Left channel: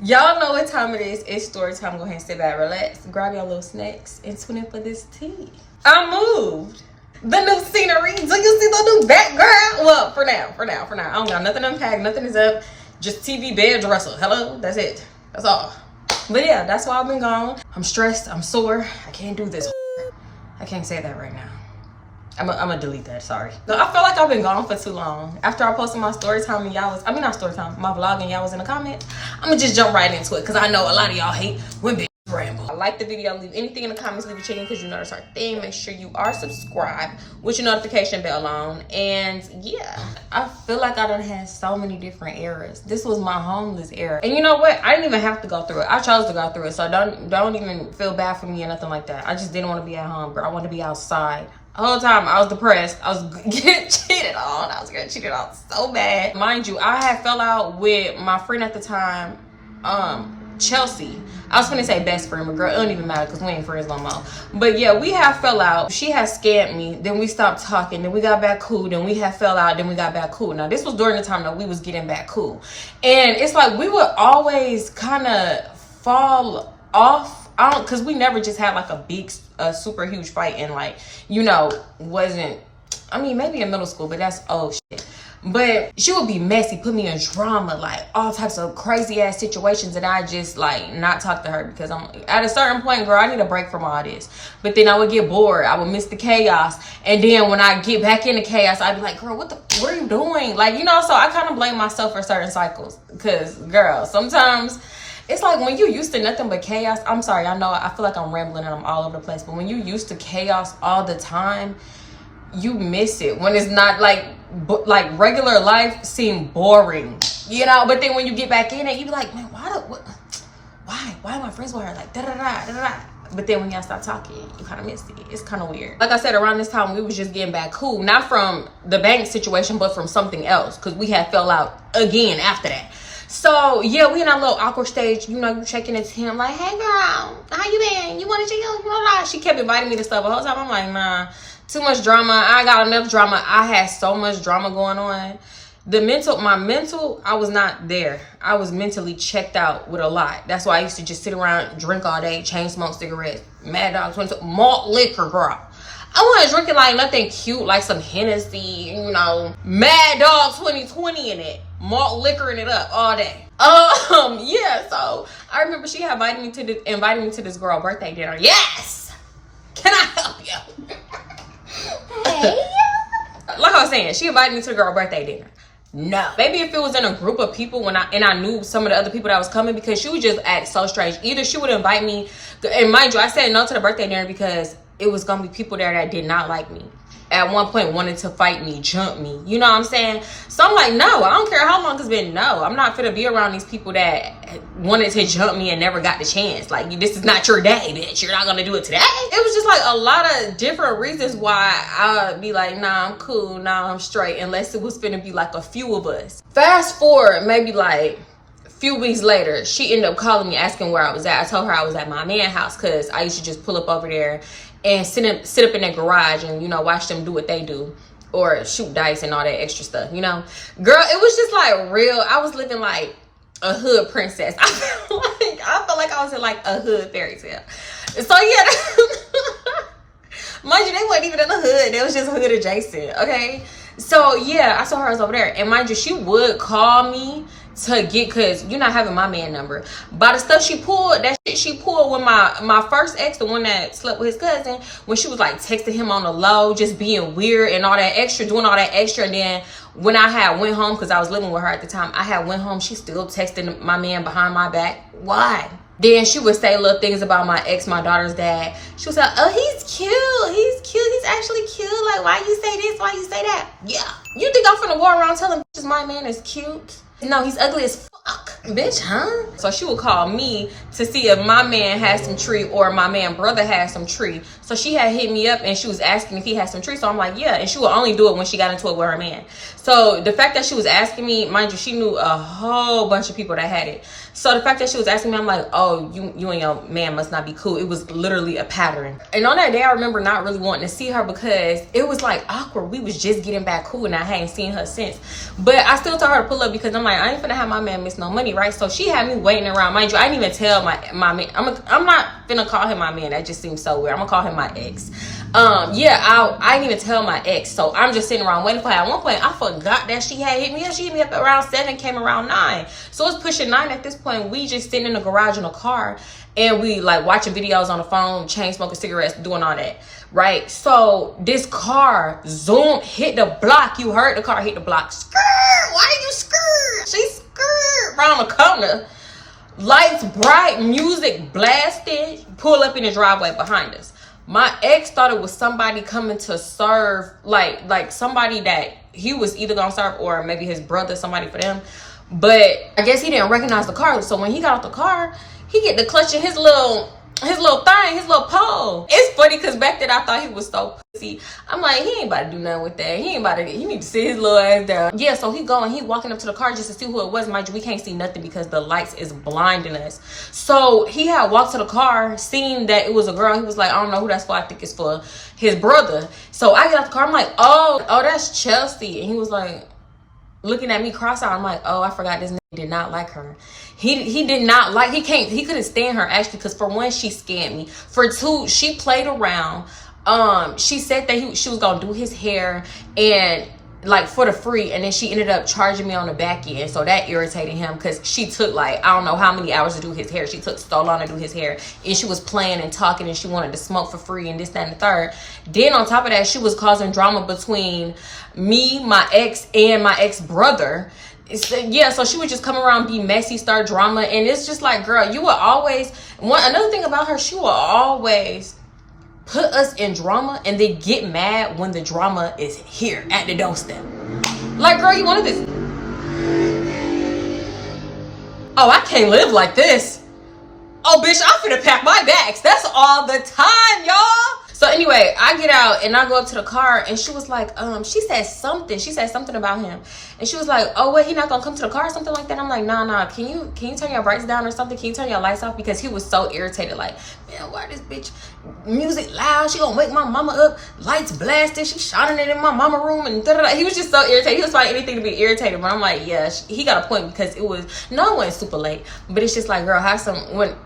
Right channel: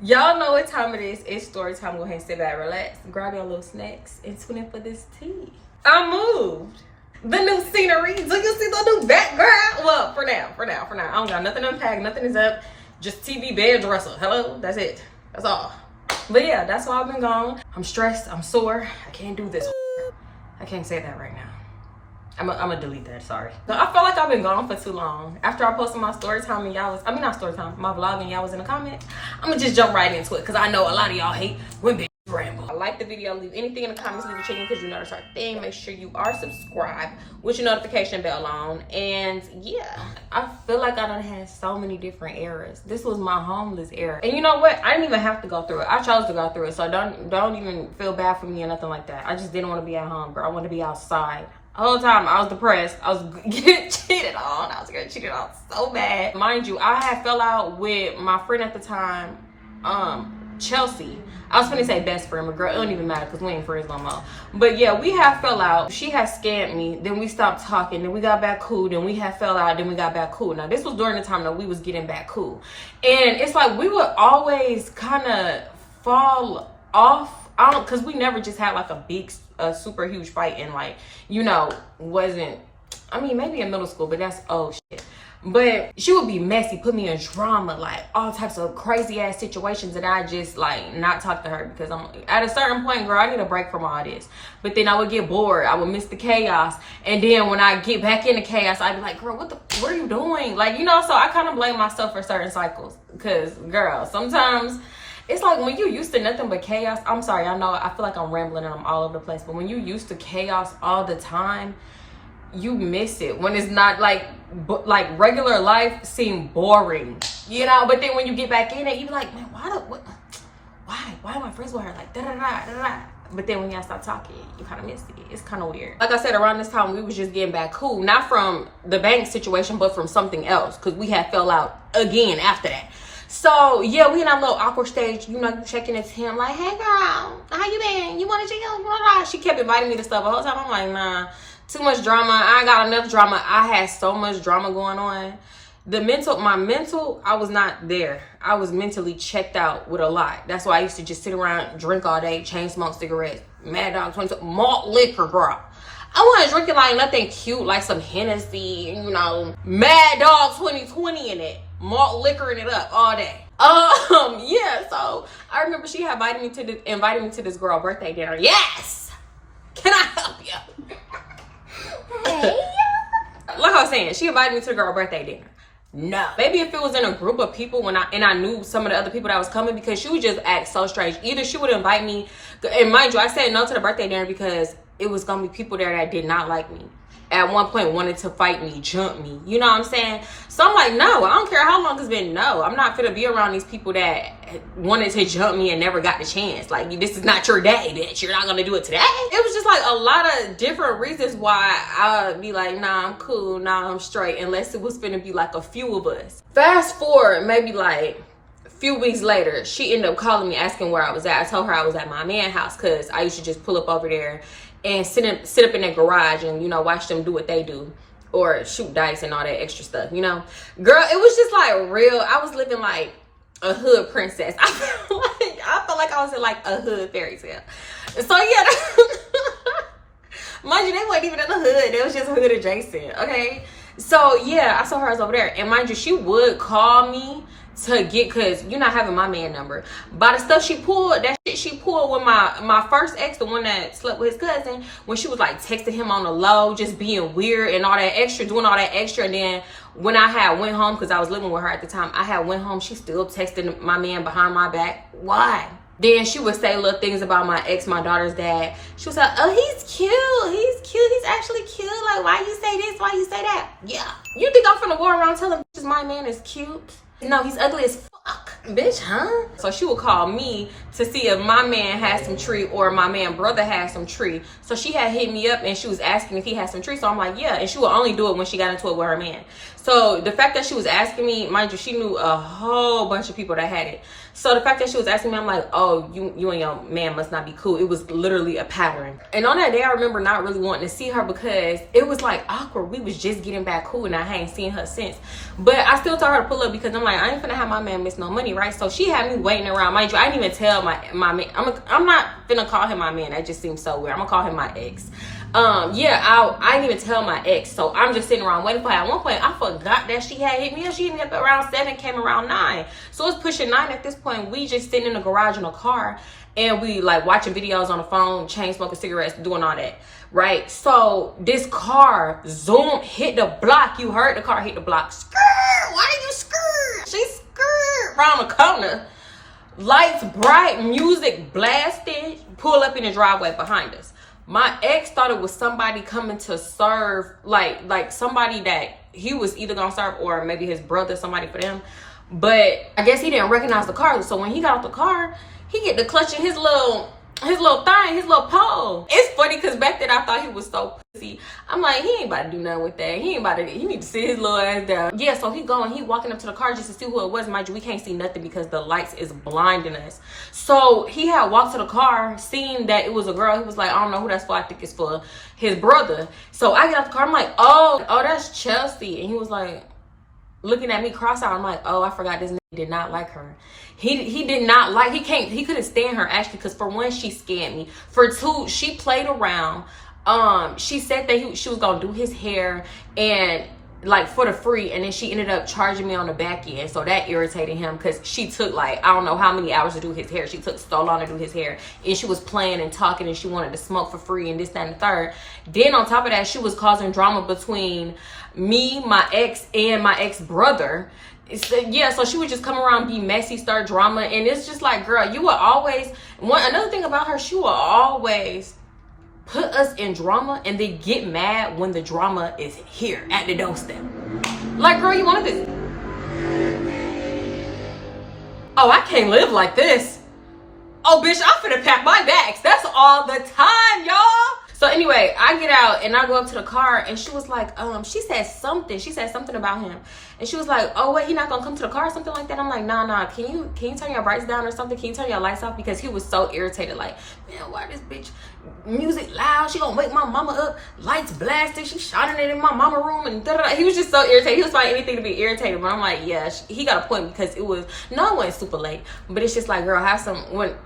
Y'all know what time it is. It's story time. Go ahead and sit back, relax, grab your little snacks, and tune in for this tea. I moved. The new scenery. Do you see the new background? Well, for now. I don't got nothing unpacked. Nothing is up. Just TV, bed, dresser. Hello? That's it. That's all. But yeah, that's why I've been gone. I'm stressed. I'm sore. I can't do this. I can't say that right now. I'm gonna delete that, sorry. I feel like I've been gone for too long. After I posted my story time and y'all was, not story time, my vlog and y'all was in the comments, I'm gonna just jump right into it because I know a lot of y'all hate when bitches ramble. Like the video, leave anything in the comments, leave a chicken because you know that's our thing. Make sure you are subscribed with your notification bell on. And yeah, I feel like I done had so many different eras. This was my homeless era. And you know what? I didn't even have to go through it. I chose to go through it. So don't even feel bad for me or nothing like that. I just didn't want to be at home, girl. I wanted to be outside. The whole time I was depressed. I was getting cheated on. I was getting cheated on so bad. Mind you, I had fell out with my friend at the time, Chelsea. I was gonna say best friend, but girl, it don't even matter because we ain't friends no more. But yeah, we had fell out. She had scammed me. Then we stopped talking. Then we got back cool. Then we had fell out. Then we got back cool. Now this was during the time that we was getting back cool. And it's like we would always kind of fall off. Cause we never just had like a super huge fight and like, you know, wasn't, I mean, maybe in middle school, but that's old shit. But she would be messy, put me in drama, like all types of crazy ass situations that I just like not talk to her because I'm at a certain point, girl, I need a break from all this. But then I would get bored. I would miss the chaos. And then when I get back into chaos, I'd be like, girl, what are you doing? Like, you know, so I kind of blame myself for certain cycles because girl, sometimes it's like when you used to nothing but chaos. I'm sorry, I know I feel like I'm rambling and I'm all over the place, but when you used to chaos all the time, you miss it. When it's not like regular life seem boring, you know. But then when you get back in it, you be like, man, why am I friends with her? Like da da da da da. But then when y'all stop talking, you kind of miss it. It's kind of weird. Like I said, around this time we was just getting back cool, not from the bank situation, but from something else, because we had fell out again after that. So yeah, we in our little awkward stage, you know, you checking into him like, hey girl, how you been? You want to chill? She kept inviting me to stuff the whole time. I'm like, nah, too much drama. I got enough drama. I had so much drama going on. My mental, I was not there. I was mentally checked out with a lot. That's why I used to just sit around, drink all day, chain smoke cigarettes, Mad Dog 22, malt liquor, girl. I wasn't drinking like nothing cute, like some Hennessy, you know, Mad Dog 2020 in it. Malt liquoring it up all day. Yeah, so I remember she had invited me to this girl birthday dinner. Yes! Can I help you? Hey. Like I was saying, she invited me to the girl birthday dinner. No. Maybe if it was in a group of people and I knew some of the other people that was coming, because she would just act so strange. Either she would invite me, and mind you, I said no to the birthday dinner because it was gonna be people there that did not like me. At one point wanted to fight me, jump me, you know what I'm saying? So I'm like, no, I don't care how long it's been. No, I'm not finna be around these people that wanted to jump me and never got the chance. Like, this is not your day, bitch. You're not gonna do it today. It was just like a lot of different reasons why I'd be like, nah, I'm cool, nah, I'm straight, unless it was finna be like a few of us. Fast forward maybe like a few weeks later, she ended up calling me asking where I was at. I told her I was at my man's house because I used to just pull up over there and sit up in their garage and, you know, watch them do what they do, or shoot dice and all that extra stuff, you know. Girl, it was just like real. I was living like a hood princess. I felt like I was in like a hood fairy tale. So yeah, mind you, they weren't even in the hood. They was just hood adjacent, okay? So yeah, I saw her over there, and mind you, she would call me to get, because you're not having my man number. By the stuff she pulled, that shit she pulled with my first ex, the one that slept with his cousin, when she was like texting him on the low, just being weird and all that extra, doing all that extra. And then when I had went home, because I was living with her at the time, I had went home, she still texting my man behind my back. Why? Then she would say little things about my ex, my daughter's dad. She was like, oh, he's cute, he's actually cute, like, why you say this, why you say that? Yeah, you think I'm finna go around telling bitches my man is cute? No, he's ugly as fuck, bitch, huh? So she would call me to see if my man had some tree or my man brother had some tree. So she had hit me up and she was asking if he had some tree. So I'm like, yeah. And she would only do it when she got into it with her man. So the fact that she was asking me, mind you, she knew a whole bunch of people that had it. So the fact that she was asking me, I'm like, oh, you and your man must not be cool. It was literally a pattern. And on that day, I remember not really wanting to see her because it was like awkward. We was just getting back cool and I hadn't seen her since. But I still told her to pull up because I'm like, I ain't finna have my man miss no money, right? So she had me waiting around. Mind you, I didn't even tell my man. I'm not finna call him my man. That just seems so weird. I'm gonna call him my ex. Yeah, I didn't even tell my ex. So I'm just sitting around waiting for her. At one point, I forgot that she had hit me up. She hit me up around 7, came around 9. So it's pushing 9 at this point. We just sitting in the garage in a car, and we like watching videos on the phone, chain smoking cigarettes, doing all that, right? So this car zoom hit the block. You heard the car hit the block. Skirt, why are you skirt? She skirt around the corner. Lights bright, music blasted, pull up in the driveway behind us. My ex thought it was somebody coming to serve, like somebody that he was either gonna serve or maybe his brother, somebody for them. But I guess he didn't recognize the car. So when he got out the car, he get to clutching his little thing, his little pole. It's funny because back then I thought he was so pussy. I'm like, he ain't about to do nothing with that. He need to sit his little ass down. Yeah, so he walking up to the car just to see who it was. Mind you, we can't see nothing because the lights is blinding us. So he had walked to the car, seen that it was a girl. He was like, I don't know who that's for. I think it's for his brother. So I get out the car. I'm like, oh, that's Chelsea. And he was like, looking at me cross-eyed. I'm like, oh, I forgot this nigga did not like her. He did not like, he couldn't stand her actually, because for one, she scammed me. For two, she played around. She said that she was gonna do his hair and like for the free, and then she ended up charging me on the back end. So that irritated him because she took like I don't know how many hours to do his hair. She took so long to do his hair, and she was playing and talking, and she wanted to smoke for free and this, that, and the third. Then on top of that, she was causing drama between me, my ex, and my ex brother. Yeah, so she would just come around, be messy, start drama, and it's just like, girl, you will always another thing about her, she will always put us in drama and then get mad when the drama is here at the doorstep. Like, girl, you wanted this. Oh, I can't live like this. Oh, bitch, I'm finna pack my bags. That's all the time, y'all. So anyway, I get out and I go up to the car, and she was like, she said something about him. And she was like, oh, wait, he not gonna come to the car or something like that? I'm like, nah, can you turn your brights down or something? Can you turn your lights off? Because he was so irritated, like, man, why this bitch music loud? She gonna wake my mama up, lights blasted, she shining it in my mama room, and da-da-da. He was just so irritated. He was finding anything to be irritated, but I'm like, yeah, he got a point, because it wasn't super late, but it's just like, girl,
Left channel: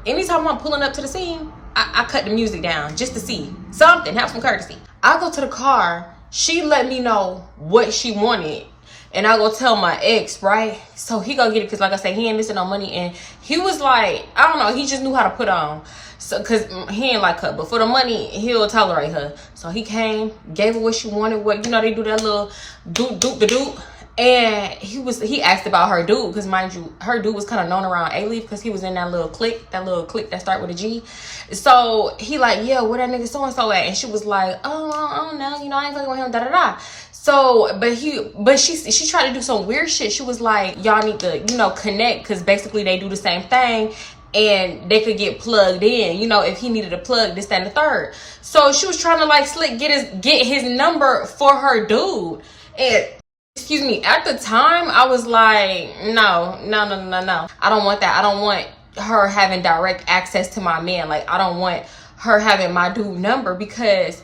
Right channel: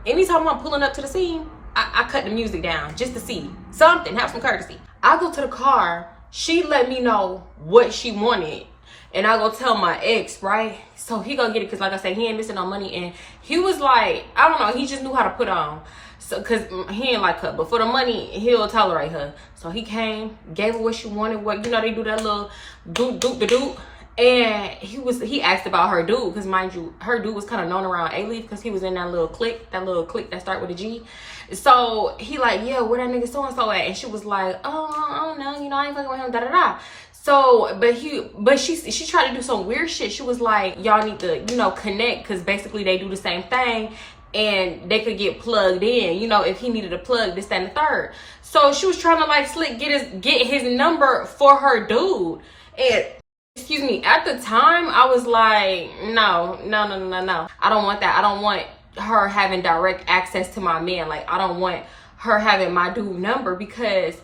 anytime I'm pulling up to the scene, I cut the music down just to see something, have some courtesy. I go to the car, she let me know what she wanted, and I go tell my ex, right? So he gonna get it, because like I said, he ain't missing no money, and he was like, I don't know, he just knew how to put on. So, because he ain't like her, but for the money, he'll tolerate her. So he came, gave her what she wanted, they do that little doop. And he asked about her dude, because mind you, her dude was kind of known around A-Leaf because he was in that little clique that start with a G. So he like, yeah, where that nigga so-and-so at? And she was like, oh, I don't know, I ain't fucking with him, da-da-da. So, but she tried to do some weird shit. She was like, y'all need to, connect, because basically they do the same thing, and they could get plugged in, if he needed a plug, this, that, and the third. So she was trying to like slick get his number for her dude. And excuse me, at the time, I was like, no. I don't want that. I don't want her having direct access to my man. Like, I don't want her having my dude number, because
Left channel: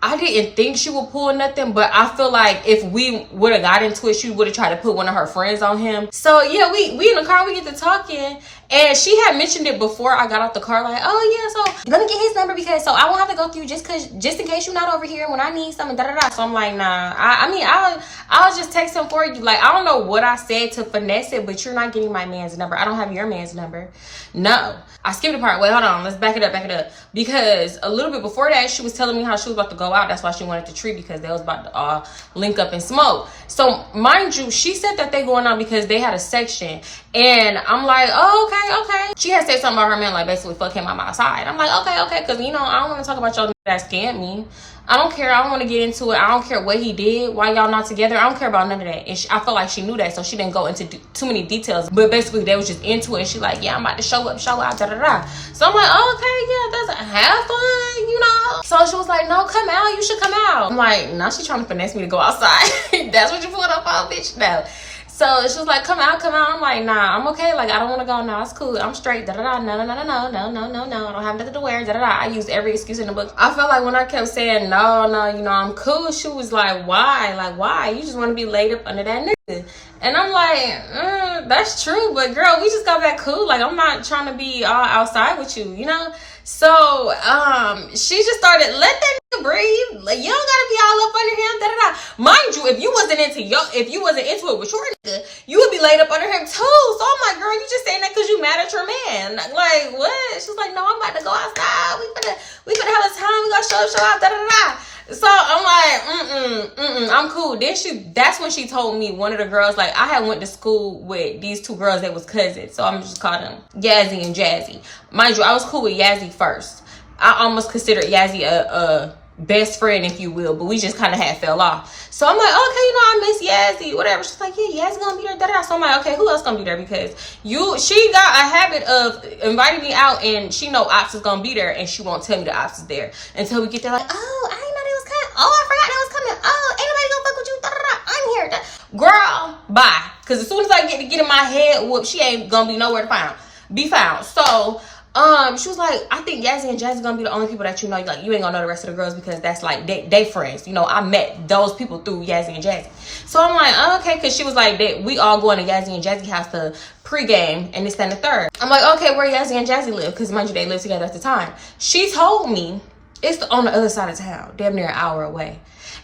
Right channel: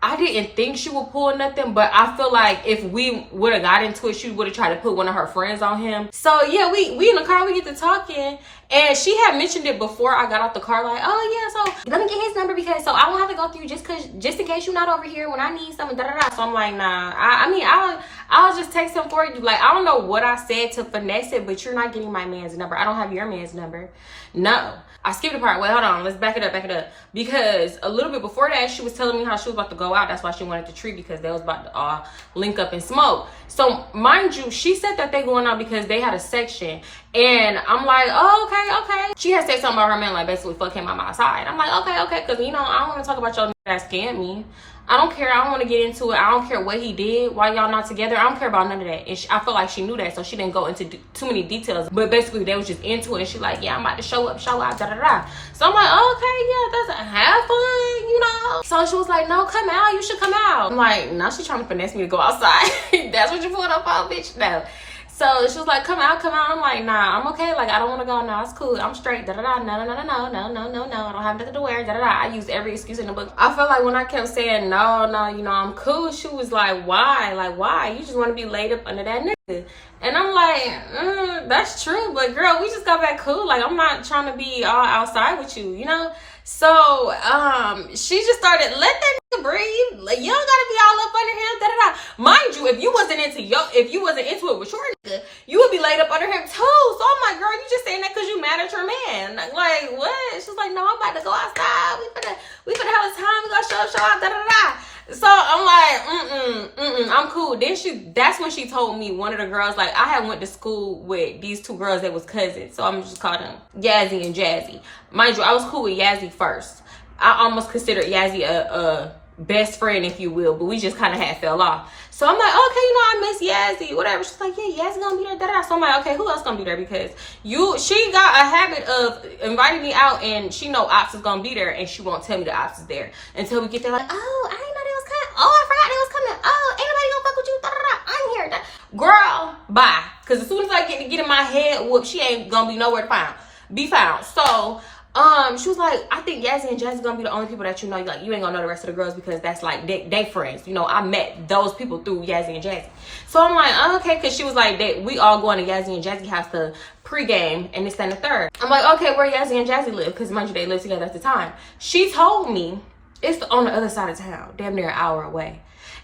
I didn't think she would pull nothing, but I feel like if we would have got into it, she would have tried to put one of her friends on him. So yeah, we in the car, we get to talking, and she had mentioned it before I got out the car, like, oh yeah, so let me get his number, because so I won't have to go through you just in case you're not over here when I need something, da-da-da. So I'm like, nah, I'll just text him for you. Like, I don't know what I said to finesse it, but you're not getting my man's number. I don't have your man's number. No. I skipped a part. Wait, hold on. Let's back it up. Because a little bit before that, she was telling me how she was about to go out. That's why she wanted to treat, because they was about to link up and smoke. So mind you, she said that they going out because they had a section. And I'm like, oh, okay. She had said something about her man, like basically fuck him, I'm outside. I'm like, okay. Because, I don't want to talk about y'all that scammed me. I don't care. I don't want to get into it. I don't care what he did, why y'all not together. I don't care about none of that. And I feel like she knew that, so she didn't go into too many details. But basically, they was just into it. And she like, yeah, I'm about to show up, da-da-da. So I'm like, okay, yeah, that's have fun, So she was like, no, come out. You should come out. I'm like, now she's trying to finesse me to go outside. That's what you put up on, bitch? No. So she was like, come out. I'm like, nah, I'm okay. Like, I don't want to go. No, it's cool. I'm straight. Da-da-da. No. I don't have nothing to wear. Da-da-da. I used every excuse in the book. I felt like when I kept saying, no, I'm cool, she was like, why? Like, why? You just want to be laid up under that nigga. And I'm like, that's true, but girl, we just got back cool. Like, I'm not trying to be all outside with you, you know? So, she just started, let that nigga breathe. Like, you don't gotta be all up under him, da-da-da. Mind you, if you wasn't into it with your nigga, you would be laid up under him too. So I'm like, girl, you just saying that because you mad at your man. Like, what? She's like, no, I'm about to go outside. We finna have a time. We gonna show out, da-da-da. So I'm like, I'm cool. Then that's when she told me, one of the girls, like, I had went to school with these two girls that was cousins. So I'm just calling them Yazzie and Jazzy. Mind you, I was cool with Yazzie first. I almost considered Yazzie a best friend, if you will, but we just kind of had fell off. So I'm like, okay, you know, I miss Yazzie, whatever. She's like, yeah, Yazzie gonna be there, da-da. So I'm like, okay, who else gonna be there? Because she got a habit of inviting me out, and she know Ops is gonna be there, and she won't tell me the Ops is there until we get there. Like, oh, I didn't know they was coming. Oh, I forgot they was coming. Oh, ain't nobody gonna fuck with you, da-da-da. I'm here, girl. Bye. Because as soon as I get in my head whoop, she ain't gonna be nowhere to be found. So she was like, I think Yazzie and Jazzy gonna be the only people that you know. Like, you ain't gonna know the rest of the girls because that's like they friends. You know, I met those people through Yazzie and Jazzy. So I'm like, oh, okay, because she was like, we all going to Yazzie and Jazzy house to pregame and this, that, and the third. I'm like, okay, where Yazzie and Jazzy live? Because mind you, they lived together at the time. She told me it's on the other side of town, damn near an hour away,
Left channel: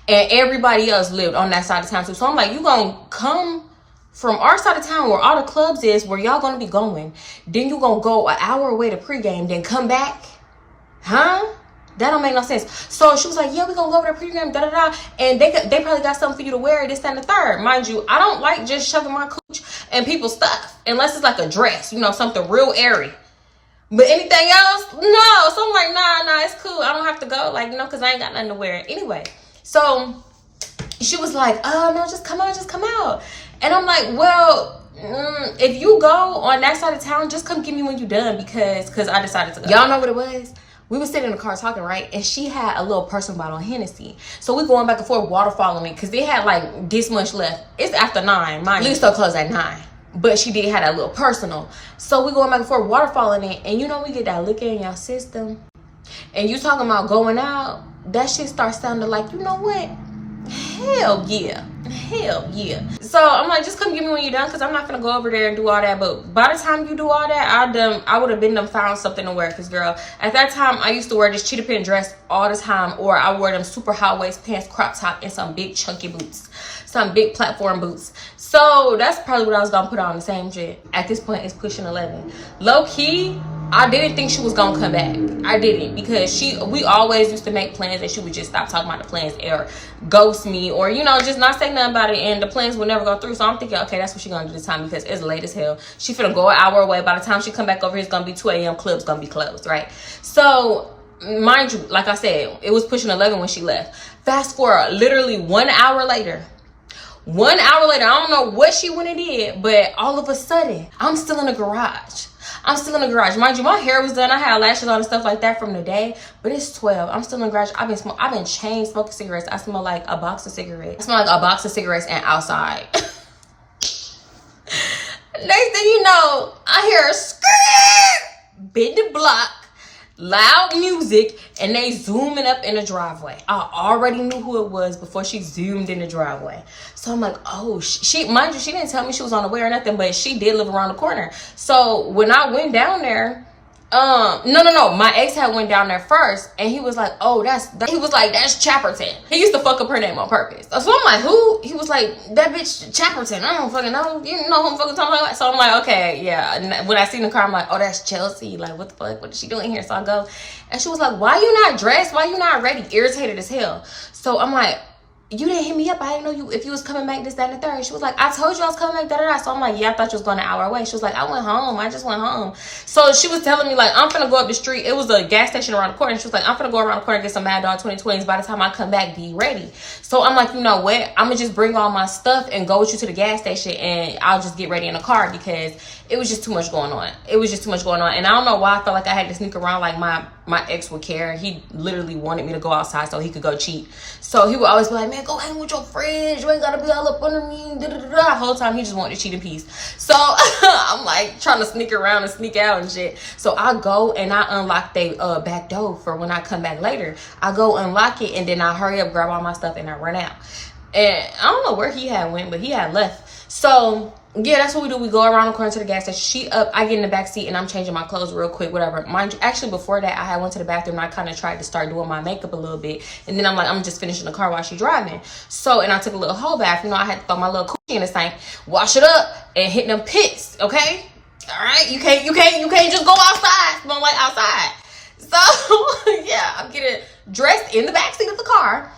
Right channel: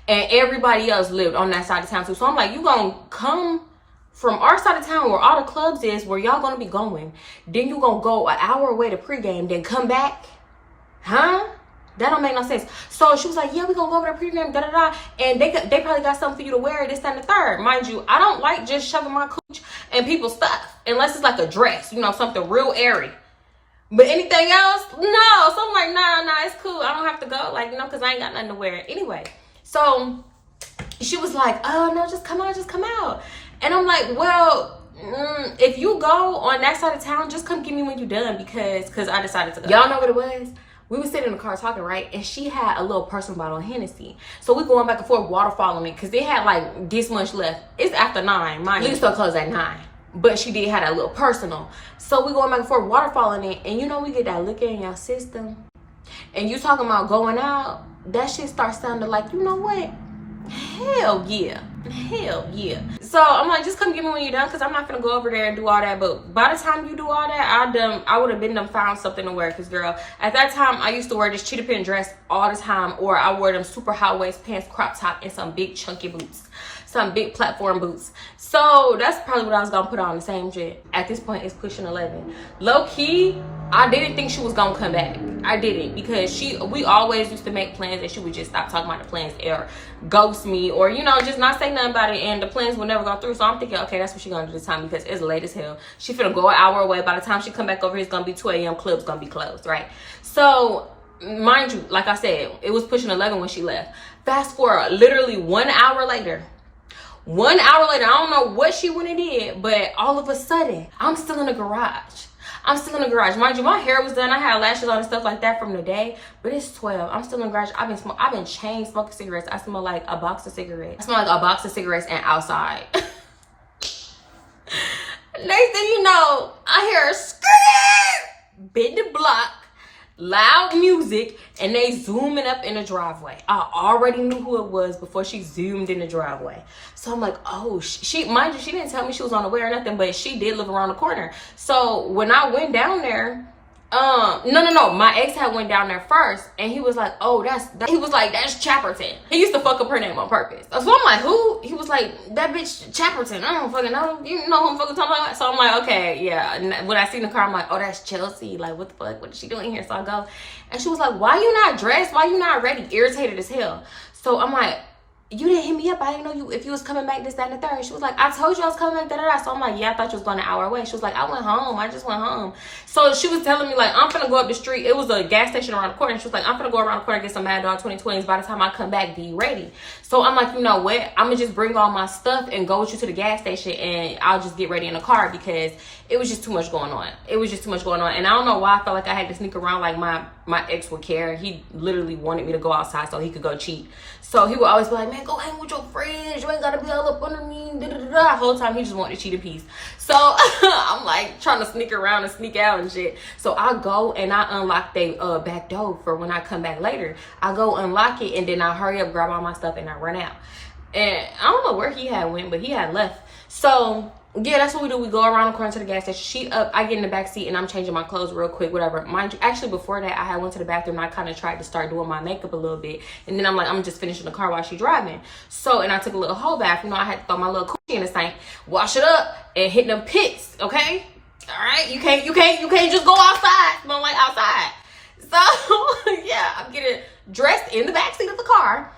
and everybody else lived on that side of town too. So I'm like, you gonna come from our side of town where all the clubs is, where y'all gonna be going, then you gonna go an hour away to pregame, then come back? Huh? That don't make no sense. So she was like, yeah, we gonna go over to pregame, da-da-da, and they probably got something for you to wear, this, that, and the third. Mind you, I don't like just shoving my cooch and people's stuff, unless it's like a dress, you know, something real airy. But anything else, no. So I'm like, nah, it's cool. I don't have to go, like, you know, because I ain't got nothing to wear. Anyway, so she was like, oh, no, just come out. And I'm like, well, if you go on that side of town, just come get me when you're done, because I decided to go. Y'all know what it was? We was sitting in the car talking, right? And she had a little personal bottle of Hennessy. So we going back and forth, waterfalling me, because they had like this much left. It's after 9. Mine least still closed at 9. But she did have that little personal. So we going back and forth, waterfalling it. And you know, we get that liquor in your system. And you talking about going out, that shit starts sounding like, you know what? Hell yeah. So I'm like, just come get me when you're done, because I'm not gonna go over there and do all that. But by the time you do all that, I would have been found something to wear. Because girl, at that time I used to wear this cheetah print dress all the time, or I wore them super high waist pants, crop top, and some big chunky boots, some big platform boots. So that's probably what I was gonna put on, the same shit. At this point, it's pushing 11. Low key, I didn't think she was gonna come back. I didn't, because we always used to make plans and she would just stop talking about the plans or ghost me, or, you know, just not say nothing about it, and the plans would never go through. So I'm thinking, okay, that's what she's gonna do this time, because it's late as hell. She finna go an hour away. By the time she come back over here, it's gonna be 2 a.m. Club's gonna be closed, right? So mind you, like I said, it was pushing 11 when she left. Fast forward, literally 1 hour later, I don't know what she went and did, but all of a sudden, I'm still in the garage. Mind you, my hair was done. I had lashes on and stuff like that from the day, but it's 12. I'm still in the garage. I've been chain smoking cigarettes. I smell like a box of cigarettes. And outside. Next thing you know, I hear a skirt, bid the block, loud music, and they zooming up in the driveway. I already knew who it was before she zoomed in the driveway. So I'm like, oh, mind you, she didn't tell me she was on the way or nothing, but she did live around the corner. So when I went down there, no, my ex had went down there first, and he was like, oh, that's Chapperton. He used to fuck up her name on purpose. So I'm like, who? He was like, that bitch Chapperton. I don't fucking know. You know who I'm fucking talking about? So I'm like, okay, yeah. And when I seen the car, I'm like, oh, that's Chelsea. Like, what the fuck? What is she doing here? So I go, and she was like, why you not dressed? Why you not ready? Irritated as hell. So I'm like, you didn't hit me up. I didn't know if you was coming back, this, that, and the third. She was like, I told you I was coming back, da-da-da. So I'm like, yeah, I thought you was going an hour away. She was like, I went home. I just went home. So she was telling me, like, I'm finna go up the street. It was a gas station around the corner. And she was like, I'm finna go around the corner and get some Mad Dog 2020s. By the time I come back, be ready. So I'm like, you know what? I'm gonna just bring all my stuff and go with you to the gas station, and I'll just get ready in the car, because it was just too much going on. And I don't know why I felt like I had to sneak around like my ex would care. He literally wanted me to go outside so he could go cheat. So he would always be like, man, go hang with your friends. You ain't gotta be all up under me. The whole time he just wanted to cheat in peace. So I'm like trying to sneak around and sneak out and shit. So I go and I unlock the back door for when I come back later. I go unlock it, and then I hurry up, grab all my stuff, and I run out. And I don't know where he had went, but he had left. So yeah, that's what we do. We go around the corner to the gas station. She up, I get in the back seat, and I'm changing my clothes real quick, whatever. Mind you, actually before that, I had went to the bathroom and I kind of tried to start doing my makeup a little bit. And then I'm like, I'm just finishing the car while she's driving. So, and I took a little whole bath. You know, I had to throw my little coochie in the sink, wash it up, and hit them pits, okay? All right? You can't just go outside, smell like outside. So, yeah, I'm getting dressed in the back seat of the car,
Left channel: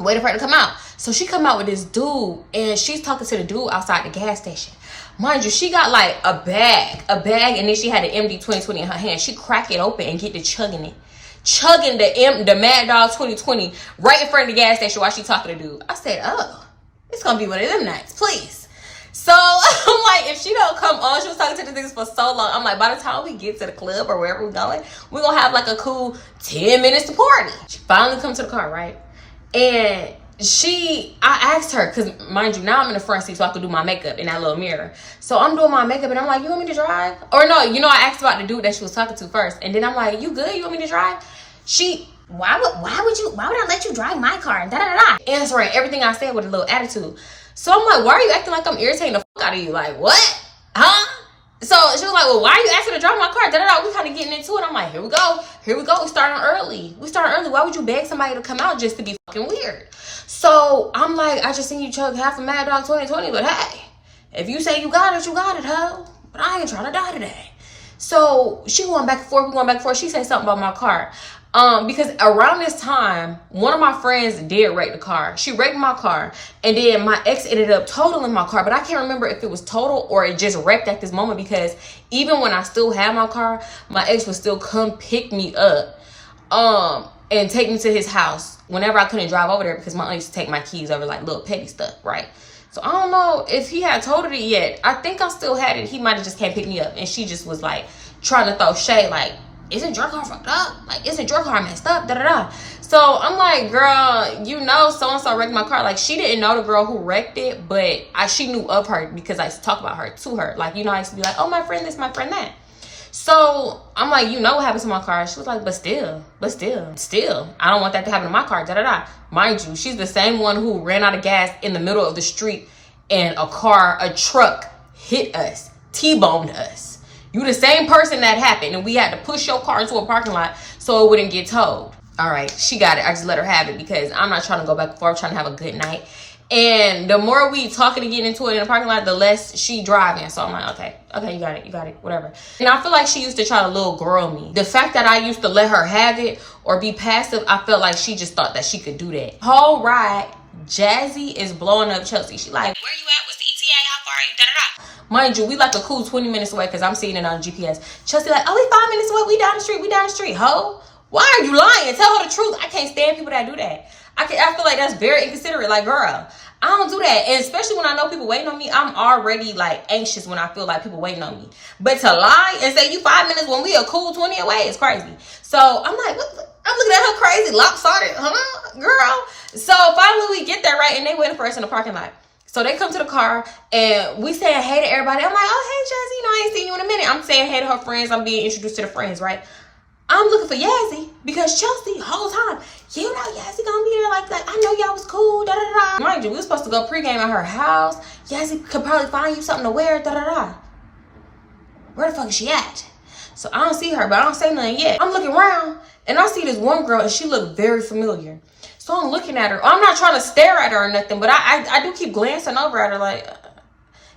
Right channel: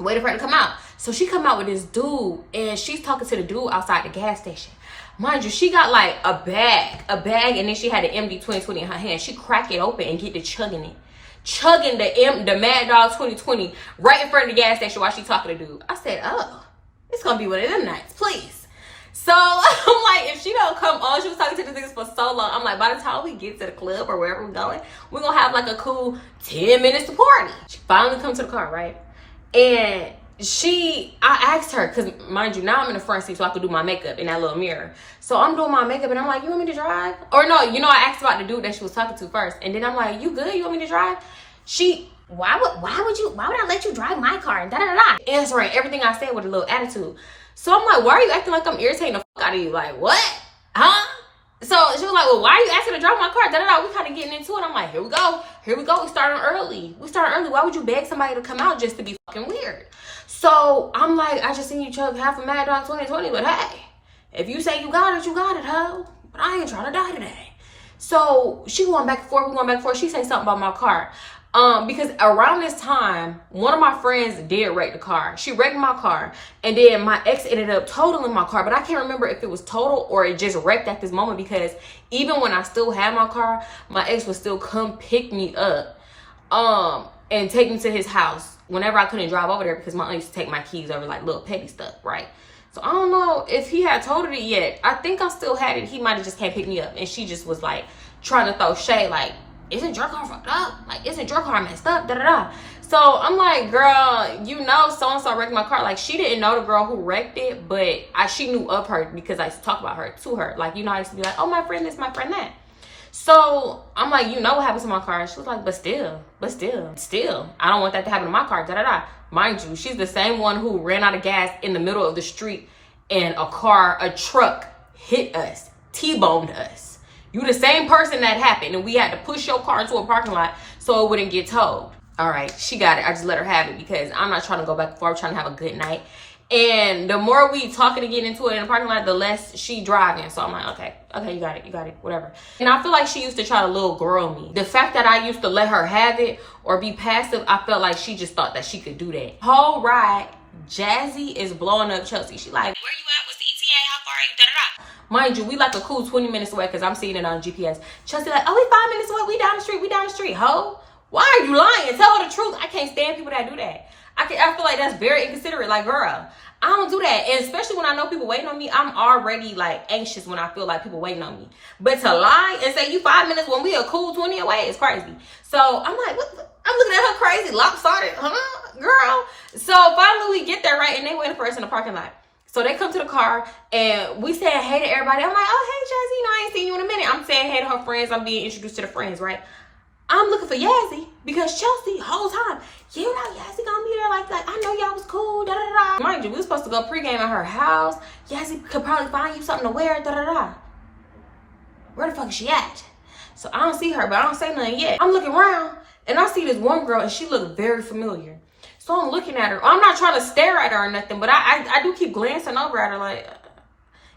waiting for her to come out. So she come out with this dude, and she's talking to the dude outside the gas station. Mind you, she got like a bag, and then she had an MD 2020 in her hand. She crack it open and get to chugging it. Chugging the Mad Dog 2020 right in front of the gas station while she talking to the dude. I said, oh, it's gonna be one of them nights, please. So I'm like, if she don't come on, she was talking to the niggas for so long. I'm like, by the time we get to the club or wherever we're going, we're gonna have like a cool 10 minutes to party. She finally comes to the car, right? And I asked her, because mind you, now I'm in the front seat so I could do my makeup in that little mirror. So I'm doing my makeup and I'm like, you want me to drive? Or no, you know, I asked about the dude that she was talking to first. And then I'm like, you good? You want me to drive? Why would I let you drive my car? And da-da-da-da. Answering everything I said with a little attitude. So I'm like, why are you acting like I'm irritating the fuck out of you? Like, what? Huh? So she was like, well, why are you asking to drive my car? Da-da-da. We kind of getting into it. I'm like, here we go. We starting early. Why would you beg somebody to come out just to be fucking weird? So I'm like, I just seen you chug half a Mad Dog 2020, but hey, if you say you got it, ho. But I ain't trying to die today. So we going back and forth. She said something about my car. Because around this time, one of my friends did wreck the car. She wrecked my car, and then my ex ended up totaling my car, but I can't remember if it was total or it just wrecked at this moment, because even when I still had my car, my ex would still come pick me up and take me to his house whenever I couldn't drive over there, because my aunt used to take my keys over, like little petty stuff, right? So I don't know if he had totaled it yet. I think I still had it. He might have just came pick me up, and she just was like trying to throw shade, like, isn't your car fucked up? Like, isn't your car messed up? Da-da-da. So I'm like, girl, you know, so-and-so wrecked my car. Like, she didn't know the girl who wrecked it, but she knew of her because I used to talk about her to her. Like, you know, I used to be like, oh, my friend this, my friend that. So I'm like, you know what happened to my car? She was like, but still, I don't want that to happen to my car, da-da-da. Mind you, she's the same one who ran out of gas in the middle of the street, and a truck hit us, T-boned us. You the same person that happened, and we had to push your car into a parking lot so it wouldn't get towed. All right, she got it. I just let her have it because I'm not trying to go back and forth, trying to have a good night. And the more we talking and getting into it in the parking lot, the less she driving. So I'm like, okay, you got it, whatever. And I feel like she used to try to little girl me. The fact that I used to let her have it or be passive, I felt like she just thought that she could do that. Whole ride, Jazzy is blowing up Chelsea. She like, where you at? What's the ETA? How far are you? Da-da-da. Mind you, we like a cool 20 minutes away because I'm seeing it on GPS. Chelsea like, oh, we 5 minutes away. We down the street, ho. Why are you lying? Tell her the truth. I can't stand people that do that. I feel like that's very inconsiderate. Like, girl, I don't do that. And especially when I know people waiting on me, I'm already like anxious when I feel like people waiting on me. But to lie and say you 5 minutes when we a cool 20 away is crazy. So I'm like, what? I'm looking at her crazy, lopsided, huh, girl? So finally we get there, right? And they waiting for us in the parking lot. So they come to the car and we saying hey to everybody. I'm like, oh, hey, Jazzy, you know, I ain't seen you in a minute. I'm saying hey to her friends. I'm being introduced to the friends, right? I'm looking for Yazzie because Chelsea, whole time, you know Yazzie gonna be there. Like I know y'all was cool, da-da-da. Mind you, we were supposed to go pregame at her house. Yazzie could probably find you something to wear, da-da-da. Where the fuck is she at? So I don't see her, but I don't say nothing yet. I'm looking around and I see this one girl and she looked very familiar. So I'm looking at her. I'm not trying to stare at her or nothing, but I do keep glancing over at her like,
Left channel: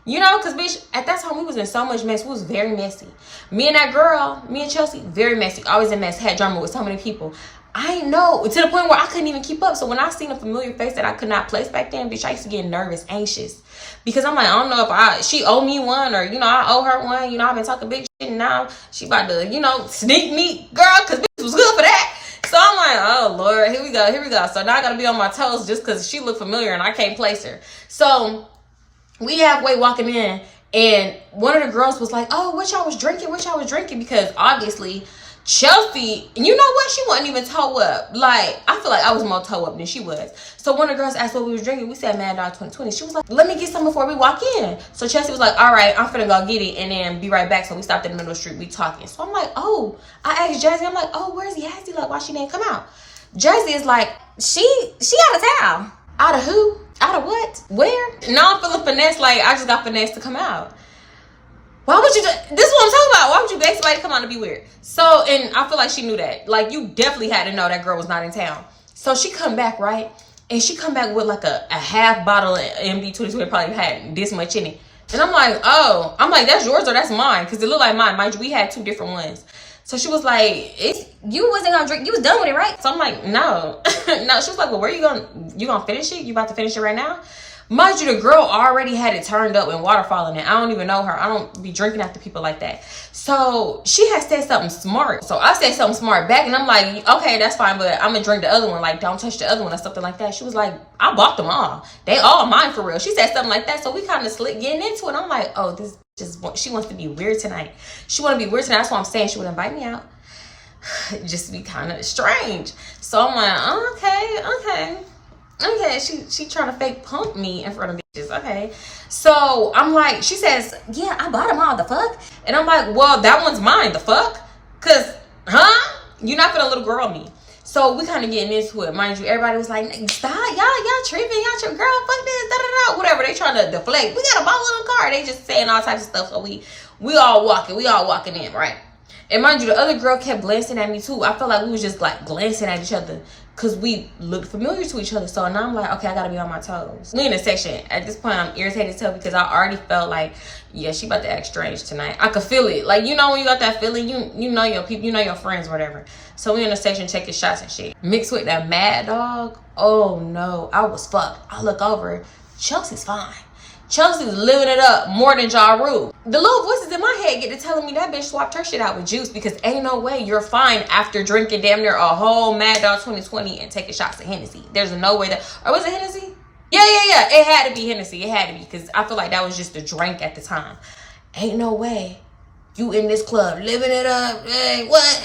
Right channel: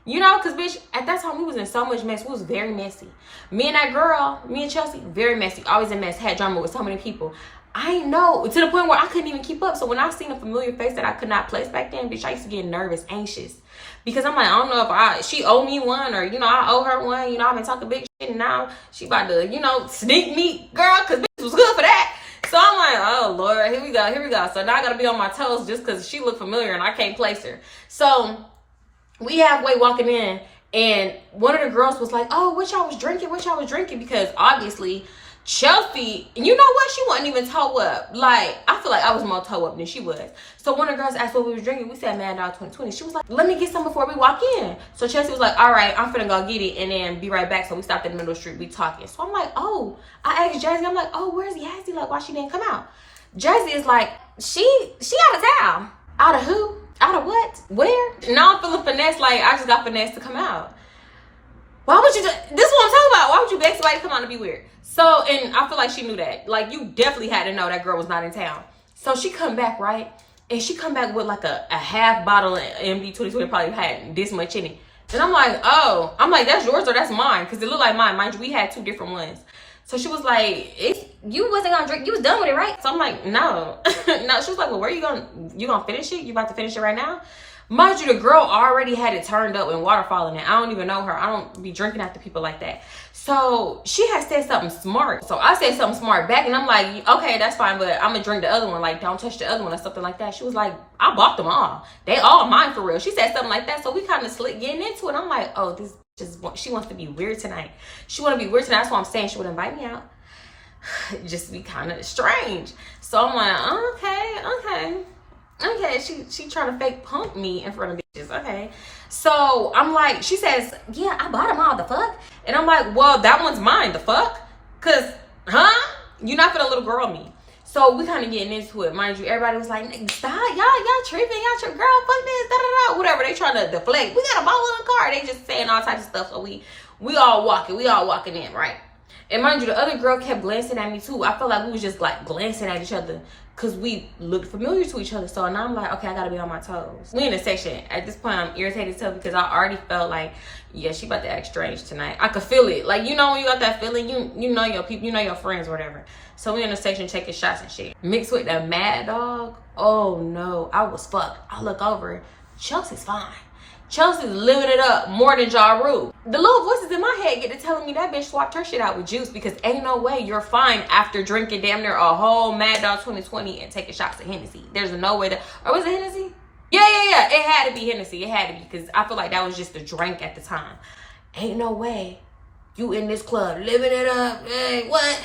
you know, because, bitch, at that time, we was in so much mess. We was very messy. Me and that girl, me and Chelsea, very messy. Always in mess. Had drama with so many people. I know, to the point where I couldn't even keep up. So when I seen a familiar face that I could not place back then, bitch, I used to get nervous, anxious. Because I'm like, I don't know if she owe me one or, you know, I owe her one. You know, I've been talking big shit and now she about to, you know, sneak me, girl, because bitch was good for that. So I'm like, oh, Lord, here we go. So now I got to be on my toes just because she looked familiar and I can't place her. So we halfway walking in and one of the girls was like, oh, what y'all was drinking? Because obviously Chelsea, and you know what? She wasn't even toe up. Like, I feel like I was more toe up than she was. So one of the girls asked what we was drinking. We said Mad Dog 2020. She was like, let me get some before we walk in. So Chelsea was like, all right, I'm finna go get it and then be right back. So we stopped in the middle of the street. We talking. So I'm like, oh, I asked Jazzy, I'm like, oh, where's Yazzie? Like, why she didn't come out? Jazzy is like, she out of town. Out of who? Out of what? Where? Now I'm feeling finesse, like I just got finesse to come out. Why would you do this? Is what I'm talking about. Why would you beg somebody to come out and be weird? So, and I feel like she knew that. Like, you definitely had to know that girl was not in town. So she come back, right? And she come back with like a half bottle of MD 2020, probably had this much in it. And I'm like, oh, I'm like, that's yours or that's mine? Because it looked like mine. Mind you, we had two different ones. So she was like, you wasn't gonna drink, you was done with it, right? So I'm like, no. No, she was like, well, where you gonna finish it? You about to finish it right now? Mind you, the girl already had it turned up and water falling in. I don't even know her. I don't be drinking after people like that. So she had said something smart. So I said something smart back, and I'm like, okay, that's fine, but I'm gonna drink the other one. Like, don't touch the other one or something like that. She was like, I bought them all. They all mine for real. She said something like that. So we kind of slick getting into it. I'm like, oh, this just, she wants to be weird tonight. She want to be weird tonight. That's why I'm saying she would invite me out. Just be kind of strange. So I'm like, oh, okay, she trying to fake punk me in front of bitches. Okay, so I'm like, she says, yeah, I bought them all, the fuck? And I'm like, well, that one's mine, the fuck? Cause you're not gonna little girl me. So we kind of getting into it. Mind you, everybody was like, stop, y'all tripping, girl, fuck this, da-da-da, whatever. They trying to deflect. We got a ball in the car. They just saying all types of stuff. So we all walking in, right? And mind you, the other girl kept glancing at me too. I felt like we was just like glancing at each other because we looked familiar to each other. So now I'm like, okay, I gotta be on my toes. We in a section. At this point, I'm irritated too because I already felt like, yeah, she about to act strange tonight. I could feel it. Like, you know when you got that feeling, you know your people, you know your friends, whatever. So we in a section taking shots and shit. Mixed with that mad dog. Oh no, I was fucked. I look over, Chelsea's fine. Chelsea's living it up more than Ja Rule. The little voices in my head get to telling me that bitch swapped her shit out with juice because ain't no way you're fine after drinking damn near a whole Mad Dog 2020 and taking shots of Hennessy. There's no way that, or was it Hennessy? Yeah. It had to be Hennessy. It had to be because I feel like that was just the drink at the time. Ain't no way you in this club living it up. Hey, what?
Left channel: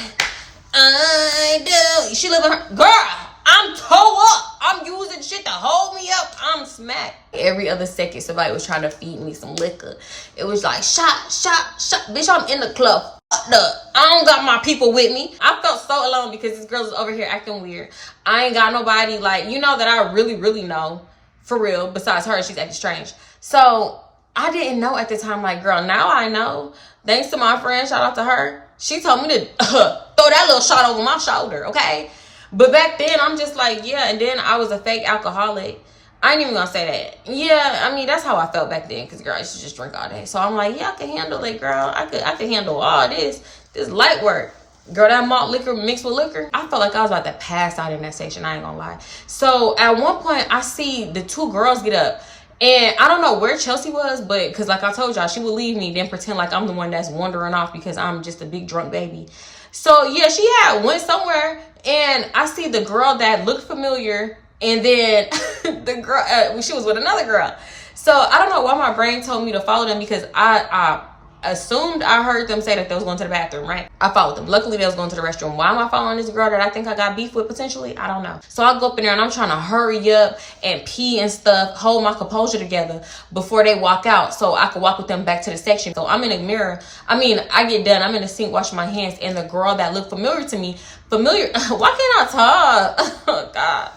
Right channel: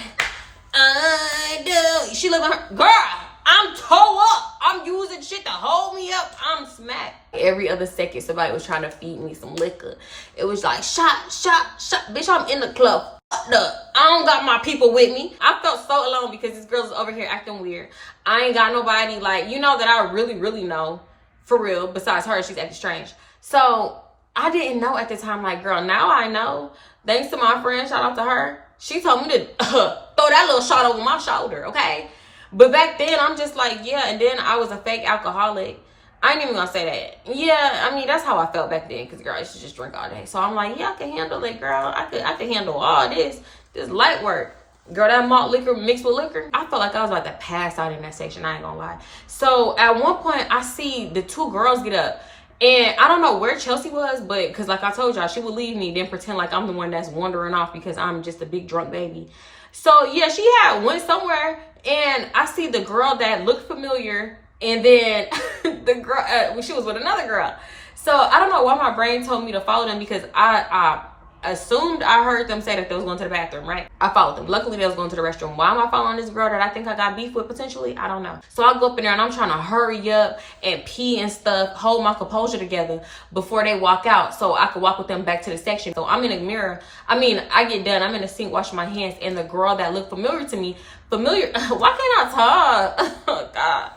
I do. She living her, girl. I'm toe up. I'm using shit to hold me up. I'm smacked. Every other second, somebody was trying to feed me some liquor. It was like, shot. Bitch, I'm in the club. Fucked up. I don't got my people with me. I felt so alone because this girl is over here acting weird. I ain't got nobody, like, you know, that I really know. For real. Besides her, she's acting strange. So I didn't know at the time, like, girl, now I know. Thanks to my friend, shout out to her. She told me to throw that little shot over my shoulder, okay? But back then, I'm just like, yeah. And then I was a fake alcoholic. I ain't even gonna say that. Yeah, I mean, that's how I felt back then. Because, girl, I used to just drink all day. So I'm like, yeah, I can handle it, girl. I could handle all this light work. Girl, that malt liquor mixed with liquor. I felt like I was about to pass out in that section. I ain't gonna lie. So at one point, I see the two girls get up. And I don't know where Chelsea was, but because like I told y'all, she would leave me, then pretend like I'm the one that's wandering off because I'm just a big drunk baby. So yeah, she had went somewhere, and I see the girl that looked familiar, and then the girl, she was with another girl. So I don't know why my brain told me to follow them because I assumed I heard them say that they was going to the bathroom, right? I followed them. Luckily, they was going to the restroom. Why am I following this girl that I think I got beef with potentially? I don't know. So I go up in there and I'm trying to hurry up and pee and stuff, hold my composure together before they walk out so I could walk with them back to the section. So I'm in a mirror. I mean, I get done. I'm in the sink washing my hands, and the girl that looked familiar to me, why can't I talk? Oh, God.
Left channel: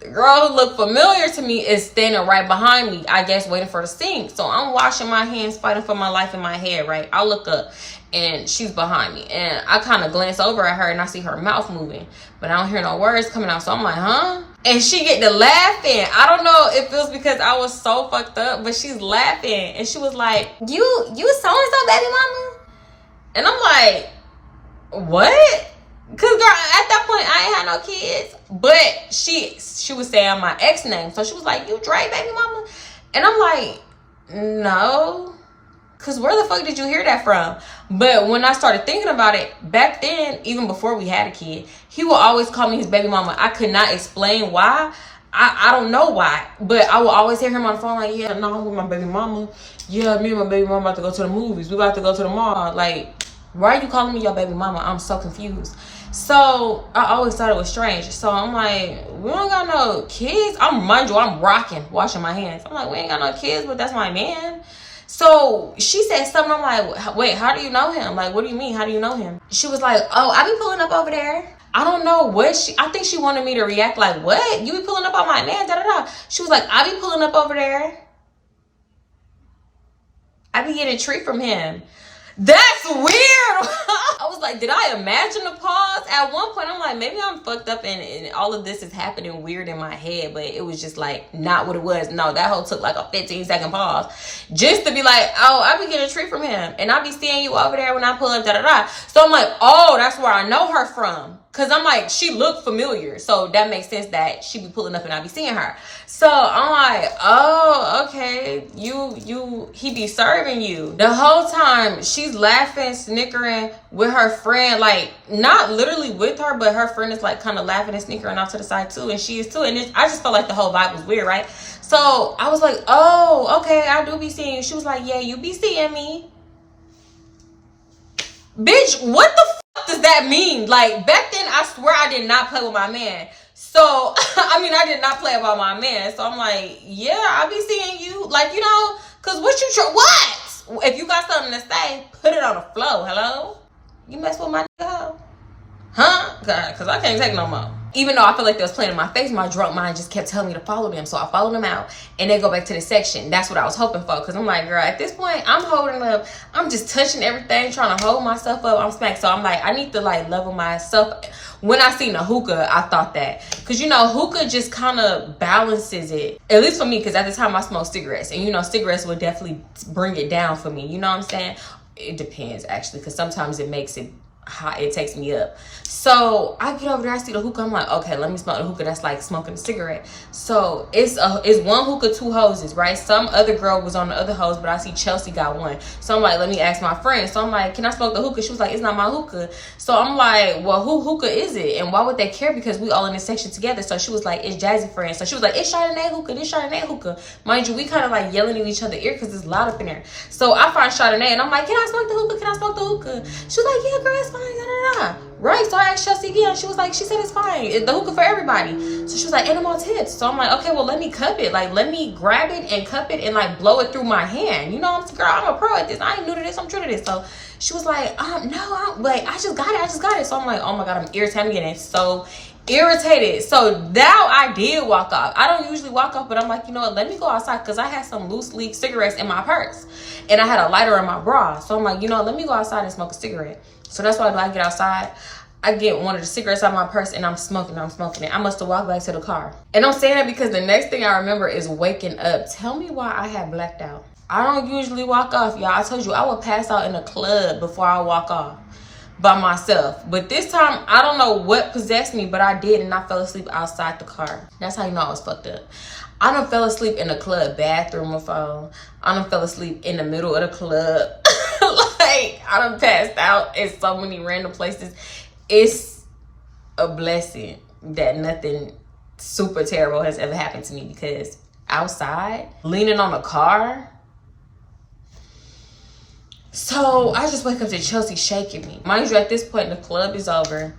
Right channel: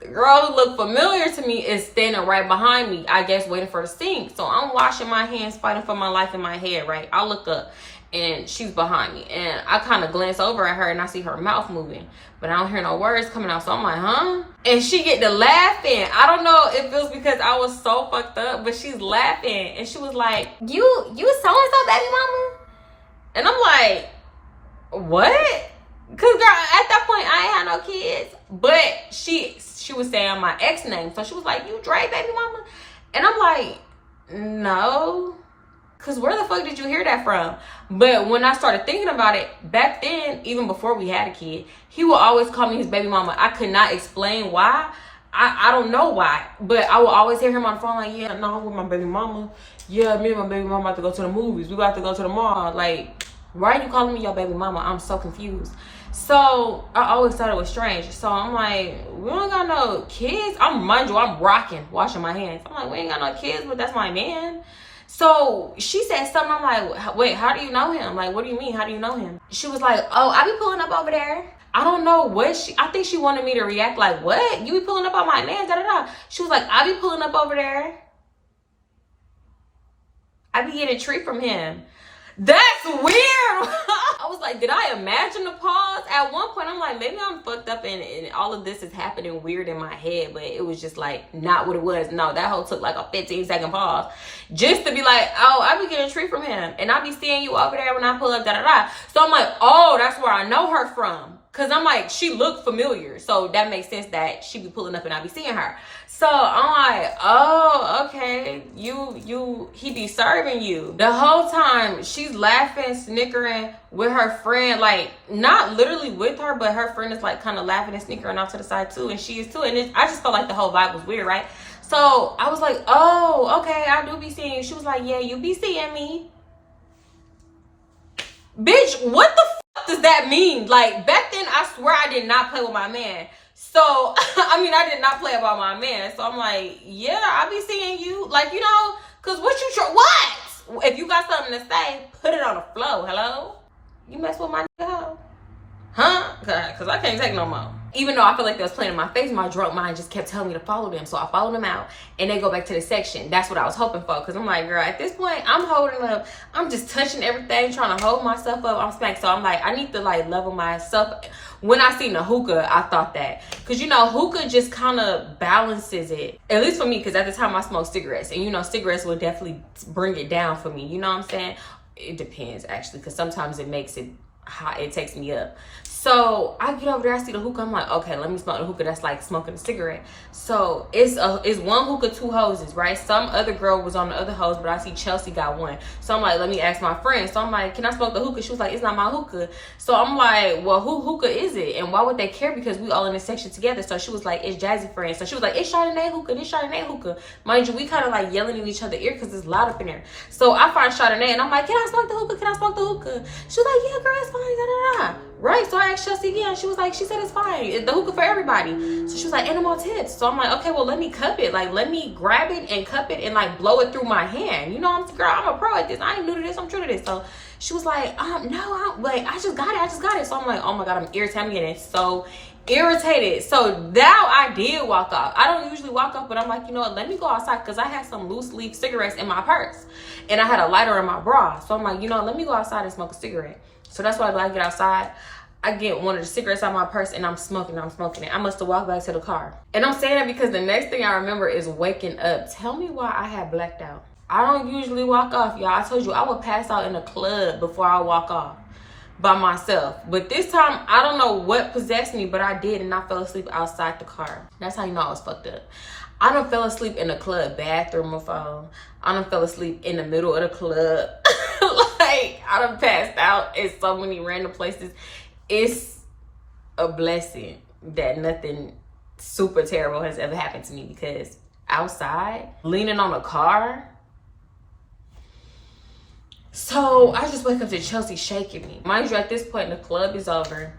The girl who looked familiar to me is standing right behind me, I guess, waiting for the sink. So I'm washing my hands, fighting for my life in my head, right? I look up, and she's behind me. And I kind of glance over at her, and I see her mouth moving. But I don't hear no words coming out. So I'm like, huh? And she get to laughing. I don't know if it was because I was so fucked up, but she's laughing. And she was like, you so-and-so, baby mama? And I'm like, what? Cause girl, at that point I ain't had no kids, but she was saying my ex name, so she was like, "You Dre, baby mama," and I'm like, "No," cause where the fuck did you hear that from? But when I started thinking about it, back then, even before we had a kid, he would always call me his baby mama. I could not explain why. I don't know why, but I will always hear him on the phone like, "Yeah, no, I'm with my baby mama. Yeah, me and my baby mama about to go to the movies. We about to go to the mall. Like, why are you calling me your baby mama? I'm so confused." So I always thought it was strange. So I'm like, we don't got no kids. Mind you, I'm rocking, washing my hands. I'm like, we ain't got no kids, but that's my man. So she said something. I'm like, wait, how do you know him? Like, what do you mean? How do you know him? She was like, oh, I be pulling up over there. I don't know what I think she wanted me to react like, what? You be pulling up on my man, da da da. She was like, I be pulling up over there. I be getting a treat from him. That's weird. I was like, did I imagine a pause? At one point, I'm like, maybe I'm fucked up and all of this is happening weird in my head, but it was just like not what it was. No, that whole took like a 15-second pause just to be like, oh, I be getting a treat from him and I be seeing you over there when I pull up, da da da. So I'm like, oh, that's where I know her from. Cause I'm like, she looked familiar. So that makes sense that she be pulling up and I be seeing her. So I'm like, oh, okay. He be serving you. The whole time she's laughing, snickering with her friend, like not literally with her, but her friend is like kind of laughing and snickering off to the side too. And she is too. And I just felt like the whole vibe was weird, right? So I was like, oh, okay, I do be seeing you. She was like, yeah, you be seeing me. Bitch, what the fuck does that mean? Like, back then, I swear I did not play with my man. So, I mean, I did not play about my man. So, I'm like, yeah, I be seeing you. Like, you know, because what you what? If you got something to say, put it on the floor. Hello? You mess with my nigga? Huh? Because I can't take no more. Even though I feel like they was playing in my face, my drunk mind just kept telling me to follow them. So I followed them out and they go back to the section. That's what I was hoping for. Because I'm like, girl, at this point, I'm holding up. I'm just touching everything, trying to hold myself up. I'm smacked. So I'm like, I need to like level myself. When I seen the hookah, I thought that. Because, you know, hookah just kind of balances it. At least for me, because at the time I smoked cigarettes. And, you know, cigarettes would definitely bring it down for me. You know what I'm saying? It depends, actually. Because sometimes it makes it hot, it takes me up. So I get over there, I see the hookah, I'm like, okay, let me smoke the hookah. That's like smoking a cigarette. So it's one hookah, 2 hoses, right? Some other girl was on the other hose, but I see Chelsea got one. So I'm like, let me ask my friend. So I'm like, can I smoke the hookah? She was like, it's not my hookah. So I'm like, well, who hookah is it? And why would they care? Because we all in this section together. So she was like, it's Jazzy friend. So she was like, it's Chardonnay hookah, this Chardonnay hookah. Mind you, we kind of like yelling in each other's ear because it's loud up in there. So I find Chardonnay and I'm like, can I smoke the hookah? Can I smoke the hookah? She was like, yeah, girl, it's fine. Da, da, da. Right, so I asked Chelsea again. She was like, she said it's fine. The hookah for everybody. So she was like, animal tips. So I'm like, okay, well, let me cup it. Like, let me grab it and cup it and like blow it through my hand. You know, I'm a pro at this. I ain't new to this. I'm true to this. So she was like, no, like, I just got it. So I'm like, oh my God, I'm irritated. I'm getting so irritated. So now I did walk off. I don't usually walk off, but I'm like, you know what, let me go outside because I had some loose leaf cigarettes in my purse and I had a lighter in my bra. So I'm like, you know, let me go outside and smoke a cigarette. So that's why I get outside. I get one of the cigarettes out of my purse and I'm smoking it. I must have walked back to the car. And I'm saying that because the next thing I remember is waking up. Tell me why I had blacked out. I don't usually walk off, y'all. I told you I would pass out in a club before I walk off by myself. But this time, I don't know what possessed me, but I did, and I fell asleep outside the car. That's how you know I was fucked up. I done fell asleep in the club bathroom before. I done fell asleep in the middle of the club. Like, I done passed out in so many random places. It's a blessing that nothing super terrible has ever happened to me, because outside, leaning on a car. So I just wake up to Chelsea shaking me. Mind you, at this point, the club is over.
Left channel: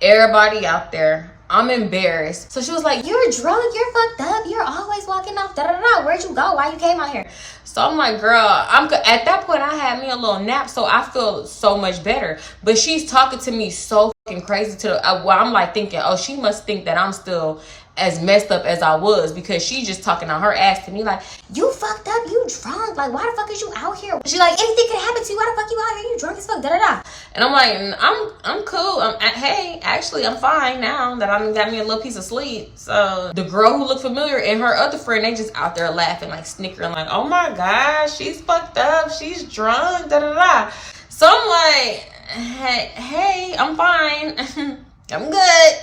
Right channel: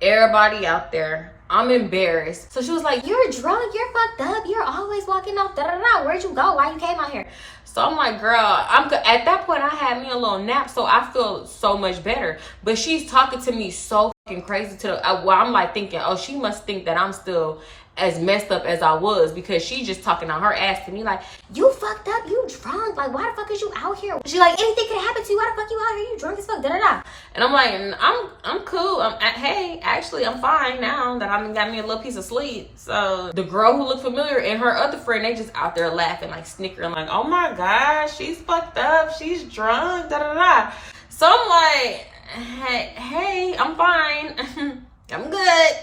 Everybody out there. I'm embarrassed. So she was like, you're drunk, you're fucked up, you're always walking off, da da da. Where'd you go? Why you came out here? So I'm like, girl, at that point I had me a little nap, so I feel so much better. But she's talking to me so fucking crazy I'm like thinking, oh, she must think that I'm still as messed up as I was, because she just talking on her ass to me like, you fucked up, you drunk, like why the fuck is you out here? She like, anything could happen to you, why the fuck you out here, you drunk as fuck, da da da. And I'm like, I'm cool. Hey, actually I'm fine now that I got me a little piece of sleep. So the girl who looked familiar and her other friend, they just out there laughing, like snickering, like, oh my gosh, she's fucked up, she's drunk, da da da. So I'm like, hey, I'm fine. I'm good.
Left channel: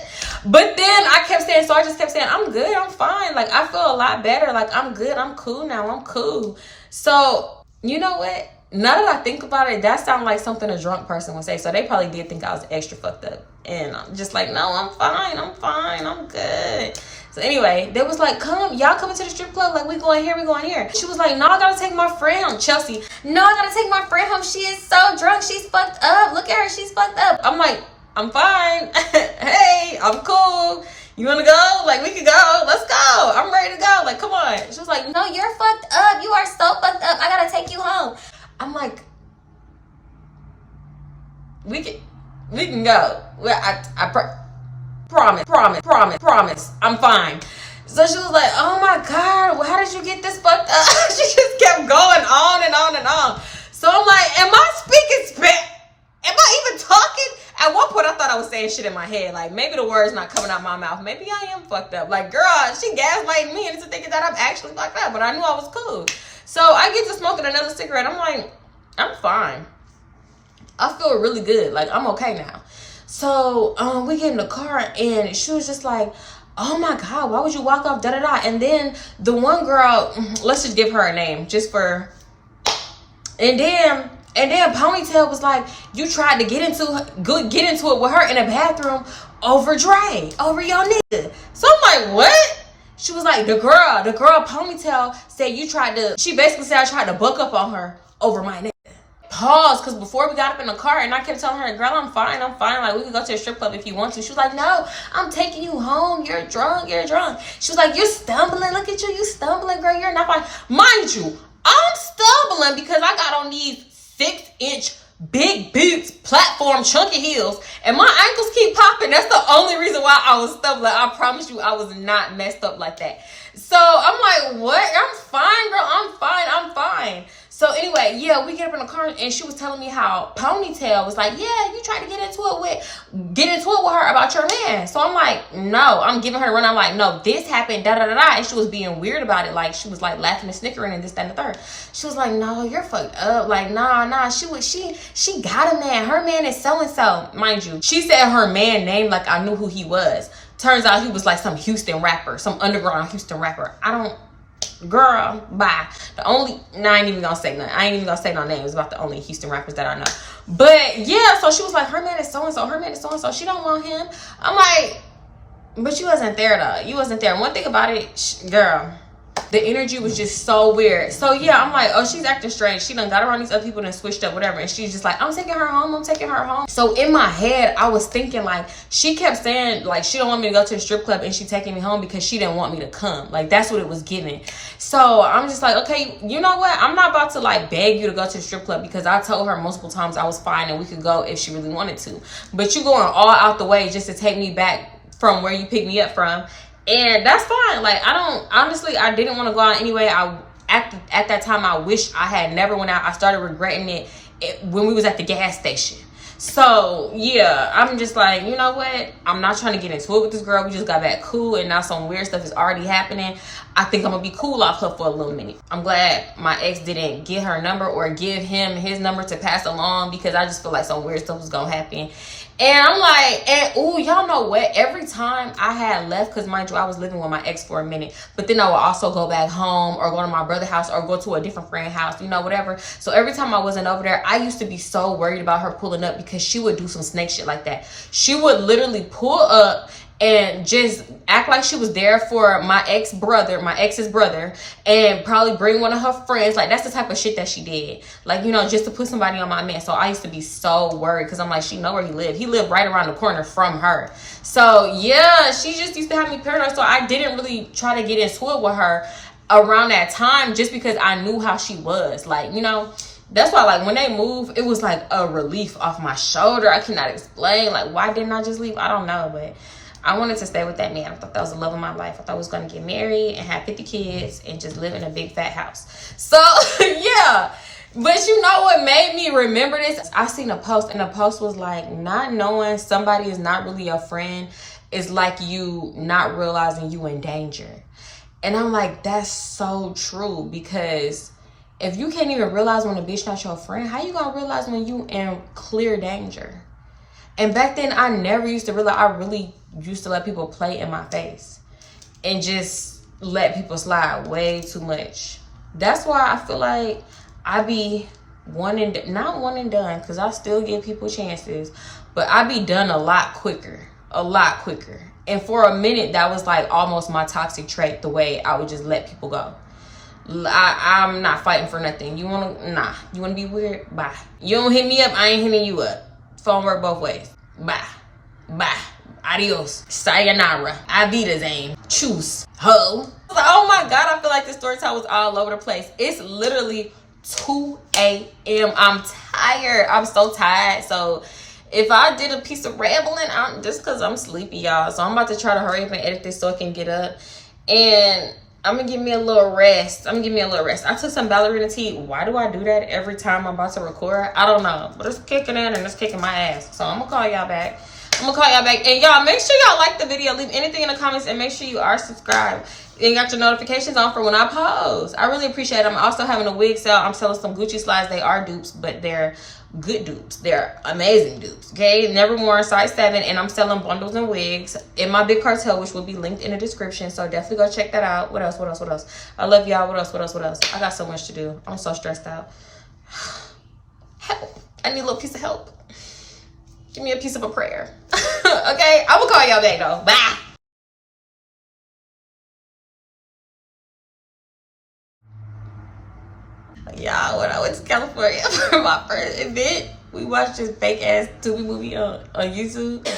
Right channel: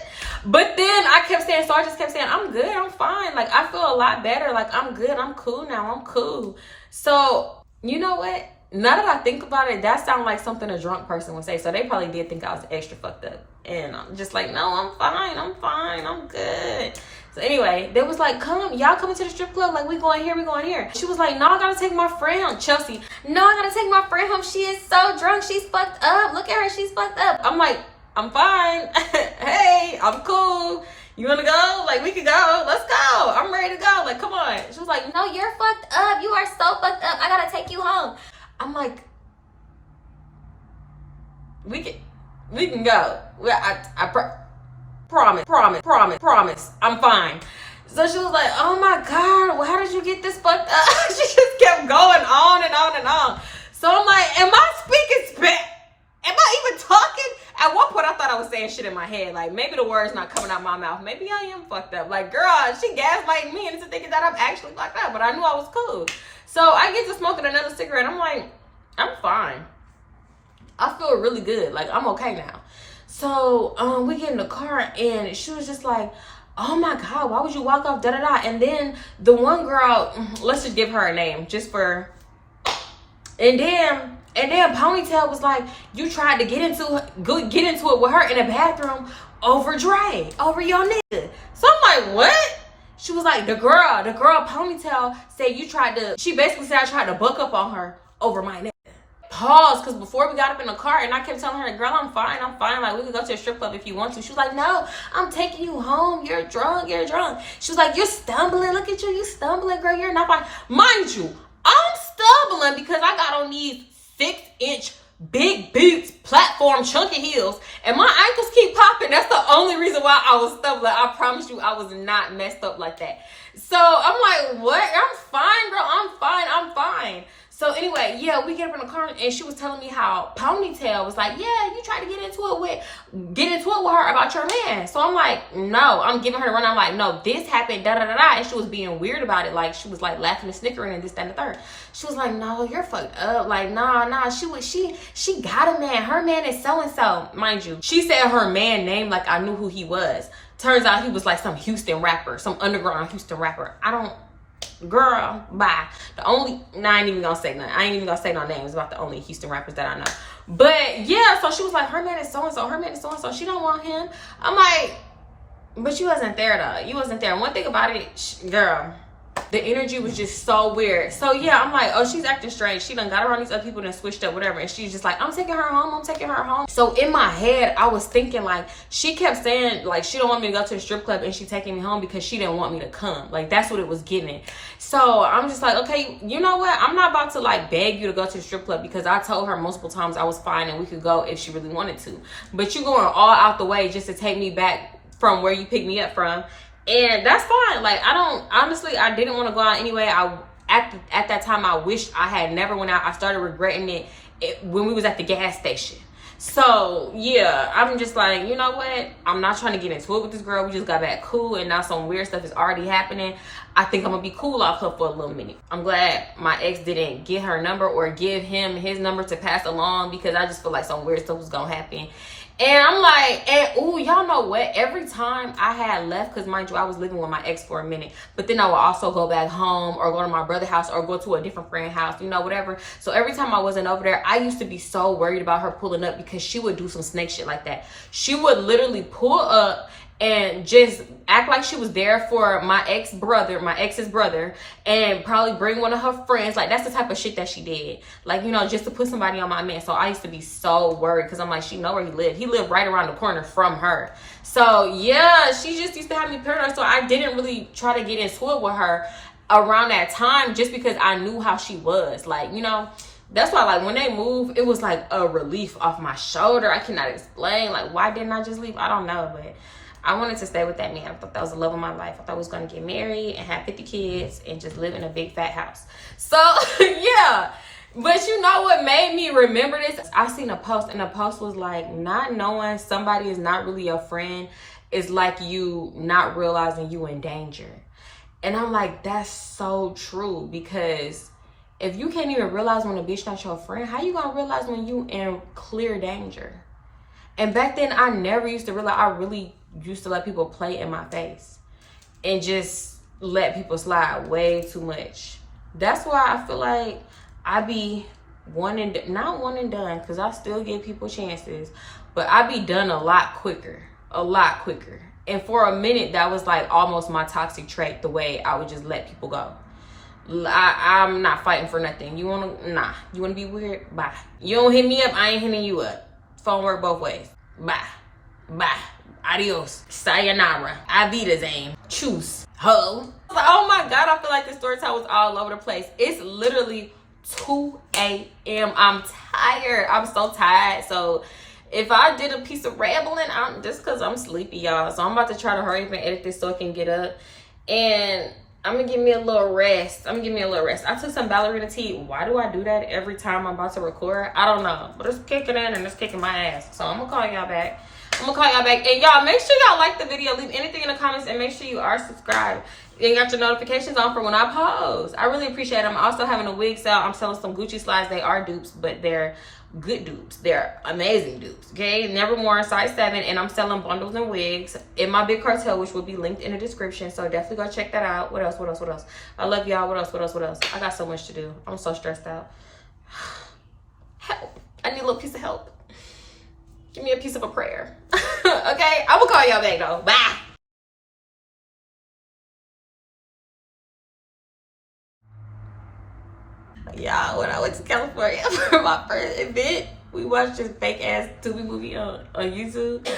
But then I just kept saying, I'm good, I'm fine. Like, I feel a lot better. Like, I'm good, I'm cool now, I'm cool. So, you know what? Now that I think about it, that sounds like something a drunk person would say. So they probably did think I was extra fucked up. And I'm just like, no, I'm fine, I'm good. So anyway, they was like, y'all coming to the strip club? Like, we going here. She was like, no, I gotta take my friend home. Chelsea, no, I gotta take my friend home. She is so drunk, she's fucked up. Look at her, she's fucked up. I'm like, I'm fine. Hey, I'm cool. You wanna go? Like, we could go. Let's go. I'm ready to go. Like, come on. She was like, no, you're fucked up. You are so fucked up. I gotta take you home. I'm like, we can go. Well, promise. I'm fine. So she was like, oh my God, well, how did you get this fucked up? She just kept going on and on and on. So I'm like, am I speaking Spanish? Am I even talking? At one point, I thought I was saying shit in my head. Like, maybe the word's not coming out my mouth. Maybe I am fucked up. Like, girl, she gaslighting me into thinking that I'm actually fucked up. But I knew I was cool. So I get to smoking another cigarette. I'm like, I'm fine. I feel really good. Like, I'm okay now. So we get in the car, and she was just like, oh my God, why would you walk off, da-da-da? And then the one girl, let's just give her a name, just for... And then Ponytail was like, you tried to get into it with her in the bathroom over Dre, over your nigga. So I'm like, what? She was like, the girl Ponytail said she basically said I tried to buck up on her over my nigga. Pause, because before we got up in the car and I kept telling her, girl, I'm fine. Like, we could go to a strip club if you want to. She was like, no, I'm taking you home. You're drunk. She was like, you're stumbling. Look at you. You stumbling, girl. You're not fine. Mind you, I'm stumbling because I got on these 6-inch big boots, platform, chunky heels, and my ankles keep popping. That's the only reason why I was stumbling. I promise you, I was not messed up like that. So I'm like, what? I'm fine, girl. I'm fine. So anyway, yeah, we get up in the car, and she was telling me how Ponytail was like, yeah, you tried to get into it with her about your man. So I'm like, no, I'm giving her a run. I'm like, no, this happened, da-da-da-da. And she was being weird about it. Like, she was like laughing and snickering and this, that, and the third. She was like, no, you're fucked up. Like, nah. She got a man. Her man is so-and-so. Mind you, she said her man name like I knew who he was. Turns out he was like some Houston rapper, some underground Houston rapper. Girl, bye. I ain't even gonna say nothing. I ain't even gonna say no names about the only Houston rappers that I know. But yeah, so she was like, her man is so-and-so. She don't want him. I'm like, but you wasn't there though. You wasn't there. One thing about it, girl, the energy was just so weird. So yeah, I'm like, oh, she's acting strange. She done got around these other people and switched up, whatever. And she's just like, I'm taking her home. So in my head, I was thinking like, she kept saying like, she don't want me to go to the strip club and she taking me home because she didn't want me to come. Like, that's what it was giving. So I'm just like, okay, you know what? I'm not about to like beg you to go to the strip club because I told her multiple times I was fine and we could go if she really wanted to. But you going all out the way just to take me back from where you picked me up from. And that's fine. Like, I didn't want to go out anyway. At that time, I wish I had never went out. I started regretting it when we was at the gas station. So yeah, I'm just like, you know what? I'm not trying to get into it with this girl. We just got back cool, and now some weird stuff is already happening. I think I'm gonna be cool off her for a little minute. I'm glad my ex didn't get her number or give him his number to pass along, because I just feel like some weird stuff was gonna happen. And I'm like, y'all know what? Every time I had left, because mind you, I was living with my ex for a minute, but then I would also go back home or go to my brother's house or go to a different friend's house, you know, whatever. So every time I wasn't over there, I used to be so worried about her pulling up, because she would do some snake shit like that. She would literally pull up and just act like she was there for my ex's brother, and probably bring one of her friends. Like, that's the type of shit that she did. Like, you know, just to put somebody on my man. So I used to be so worried, because I'm like, she know where he lived. He lived right around the corner from her. So yeah, she just used to have me paranoid. So I didn't really try to get into it with her around that time, just because I knew how she was. Like, you know, that's why, like, when they moved, it was like a relief off my shoulder. I cannot explain. Like, why didn't I just leave? I don't know, but I wanted to stay with that man. I thought that was the love of my life. I thought I was going to get married and have 50 kids and just live in a big fat house. So yeah, but you know what made me remember this? I seen a post, and the post was like, not knowing somebody is not really your friend is like you not realizing you in danger. And I'm like, that's so true, because if you can't even realize when a bitch not your friend, how you gonna realize when you in clear danger? And back then, I never used to realize. I really used to let people play in my face and just let people slide way too much. That's why I feel like I be not one and done, because I still give people chances, but I be done a lot quicker. And for a minute, that was like almost my toxic trait, the way I would just let people go. I'm not fighting for nothing. You wanna be weird? Bye. You don't hit me up, I ain't hitting you up. Phone work both ways. Bye. Adios. Sayonara. Avidazane. Choose. Ho. Oh my God, I feel like this story time was all over the place. It's literally 2 a.m. I'm tired. I'm so tired. So If I did a piece of rambling, just because I'm sleepy, y'all. So I'm about to try to hurry up and edit this so I can get up. And I'm going to give me a little rest. I took some ballerina tea. Why do I do that every time I'm about to record? I don't know. But it's kicking in and it's kicking my ass. So I'm going to call y'all back. And y'all, make sure y'all like the video. Leave anything in the comments and make sure you are subscribed. And got your notifications on for when I post. I really appreciate it. I'm also having a wig sale. I'm selling some Gucci slides. They are dupes, but they're good dupes. They're amazing dupes. Okay, never more size 7, and I'm selling bundles and wigs in my big cartel, which will be linked in the description. So definitely go check that out. What else? I love y'all. What else? I got so much to do. I'm so stressed out. Help. I need a little piece of help. Give me a piece of a prayer. Okay, I'm gonna call y'all back though. Bye. Y'all, when I went to California for my first event, we watched this fake ass Tubi movie on YouTube.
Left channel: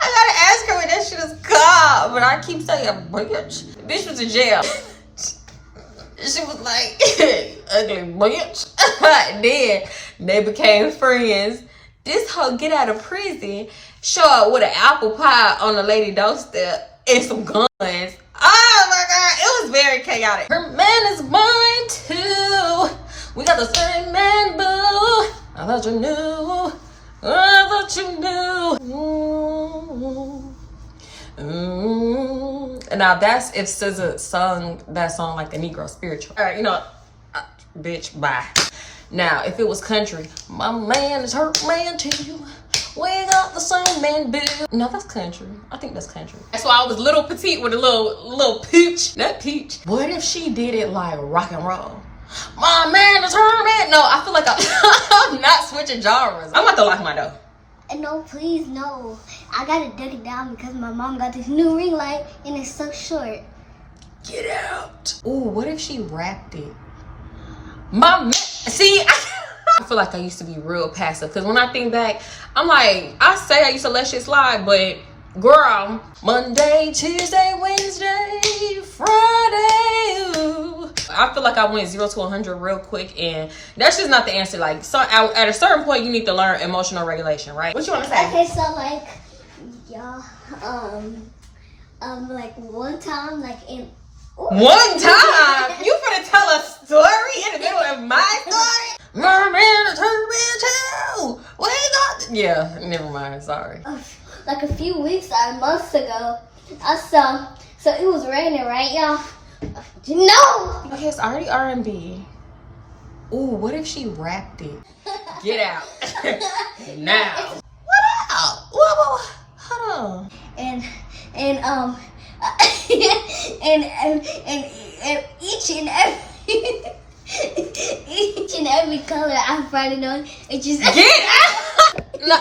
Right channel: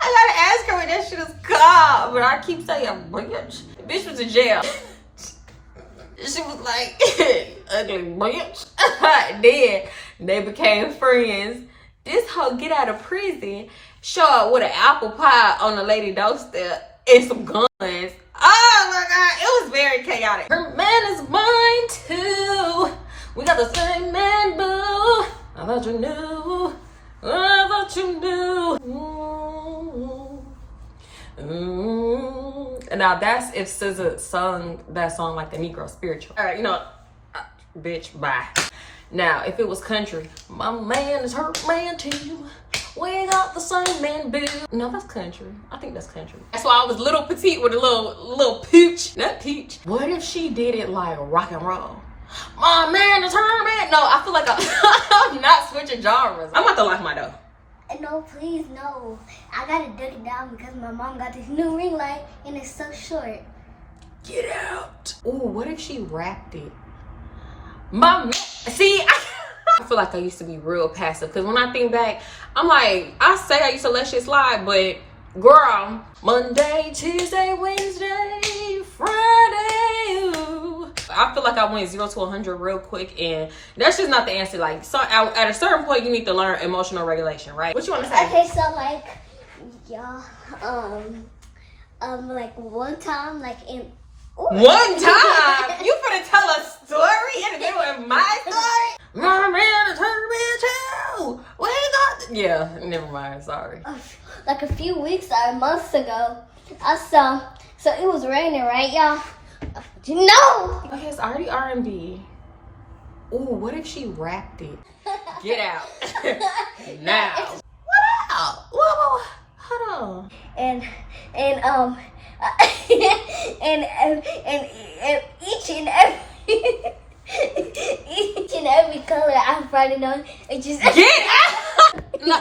I gotta ask her what that shit is called, but I keep saying bitch. The bitch was in jail. She was like, ugly bitch. Then they became friends. This hoe get out of prison, show up with an apple pie on the lady doorstep and some guns. Oh my God, it was very chaotic. Her man is mine too. We got the same man, boo. I thought you knew. And now that's if SZA sung that song like the Negro spiritual. All right, bitch, bye. Now, if it was country, my man is her man too. We got the same man, boo. No, that's country. I think that's country. That's why I was little petite with a little peach. Not peach. What if she did it like rock and roll? My man is her man. No, I feel like I'm not switching genres. I'm about to lock my door. No, please, no. I gotta duck it down because my mom got this new ring light and it's so short. Get out. Ooh, what if she wrapped it? My man. See, I feel like I used to be real passive because when I think back, I'm like, I say I used to let shit slide, but girl, Monday, Tuesday, Wednesday, Friday. Ooh. I feel like I went 0 to 100 real quick, and that's just not the answer. Like, so at a certain point, you need to learn emotional regulation, right? What you want to say? Okay, so like, y'all, like one time, like in. One time? You finna tell a story in the middle of my story? My man is her man too. We got. Yeah, never mind. Sorry. Like a few weeks or months ago, I saw. So it was raining, right, y'all? No. Okay, it's already R&B. Ooh, what if she wrapped it? Get out now. What out? Whoa, hold on. And each and every color I find it on, it just get out. No.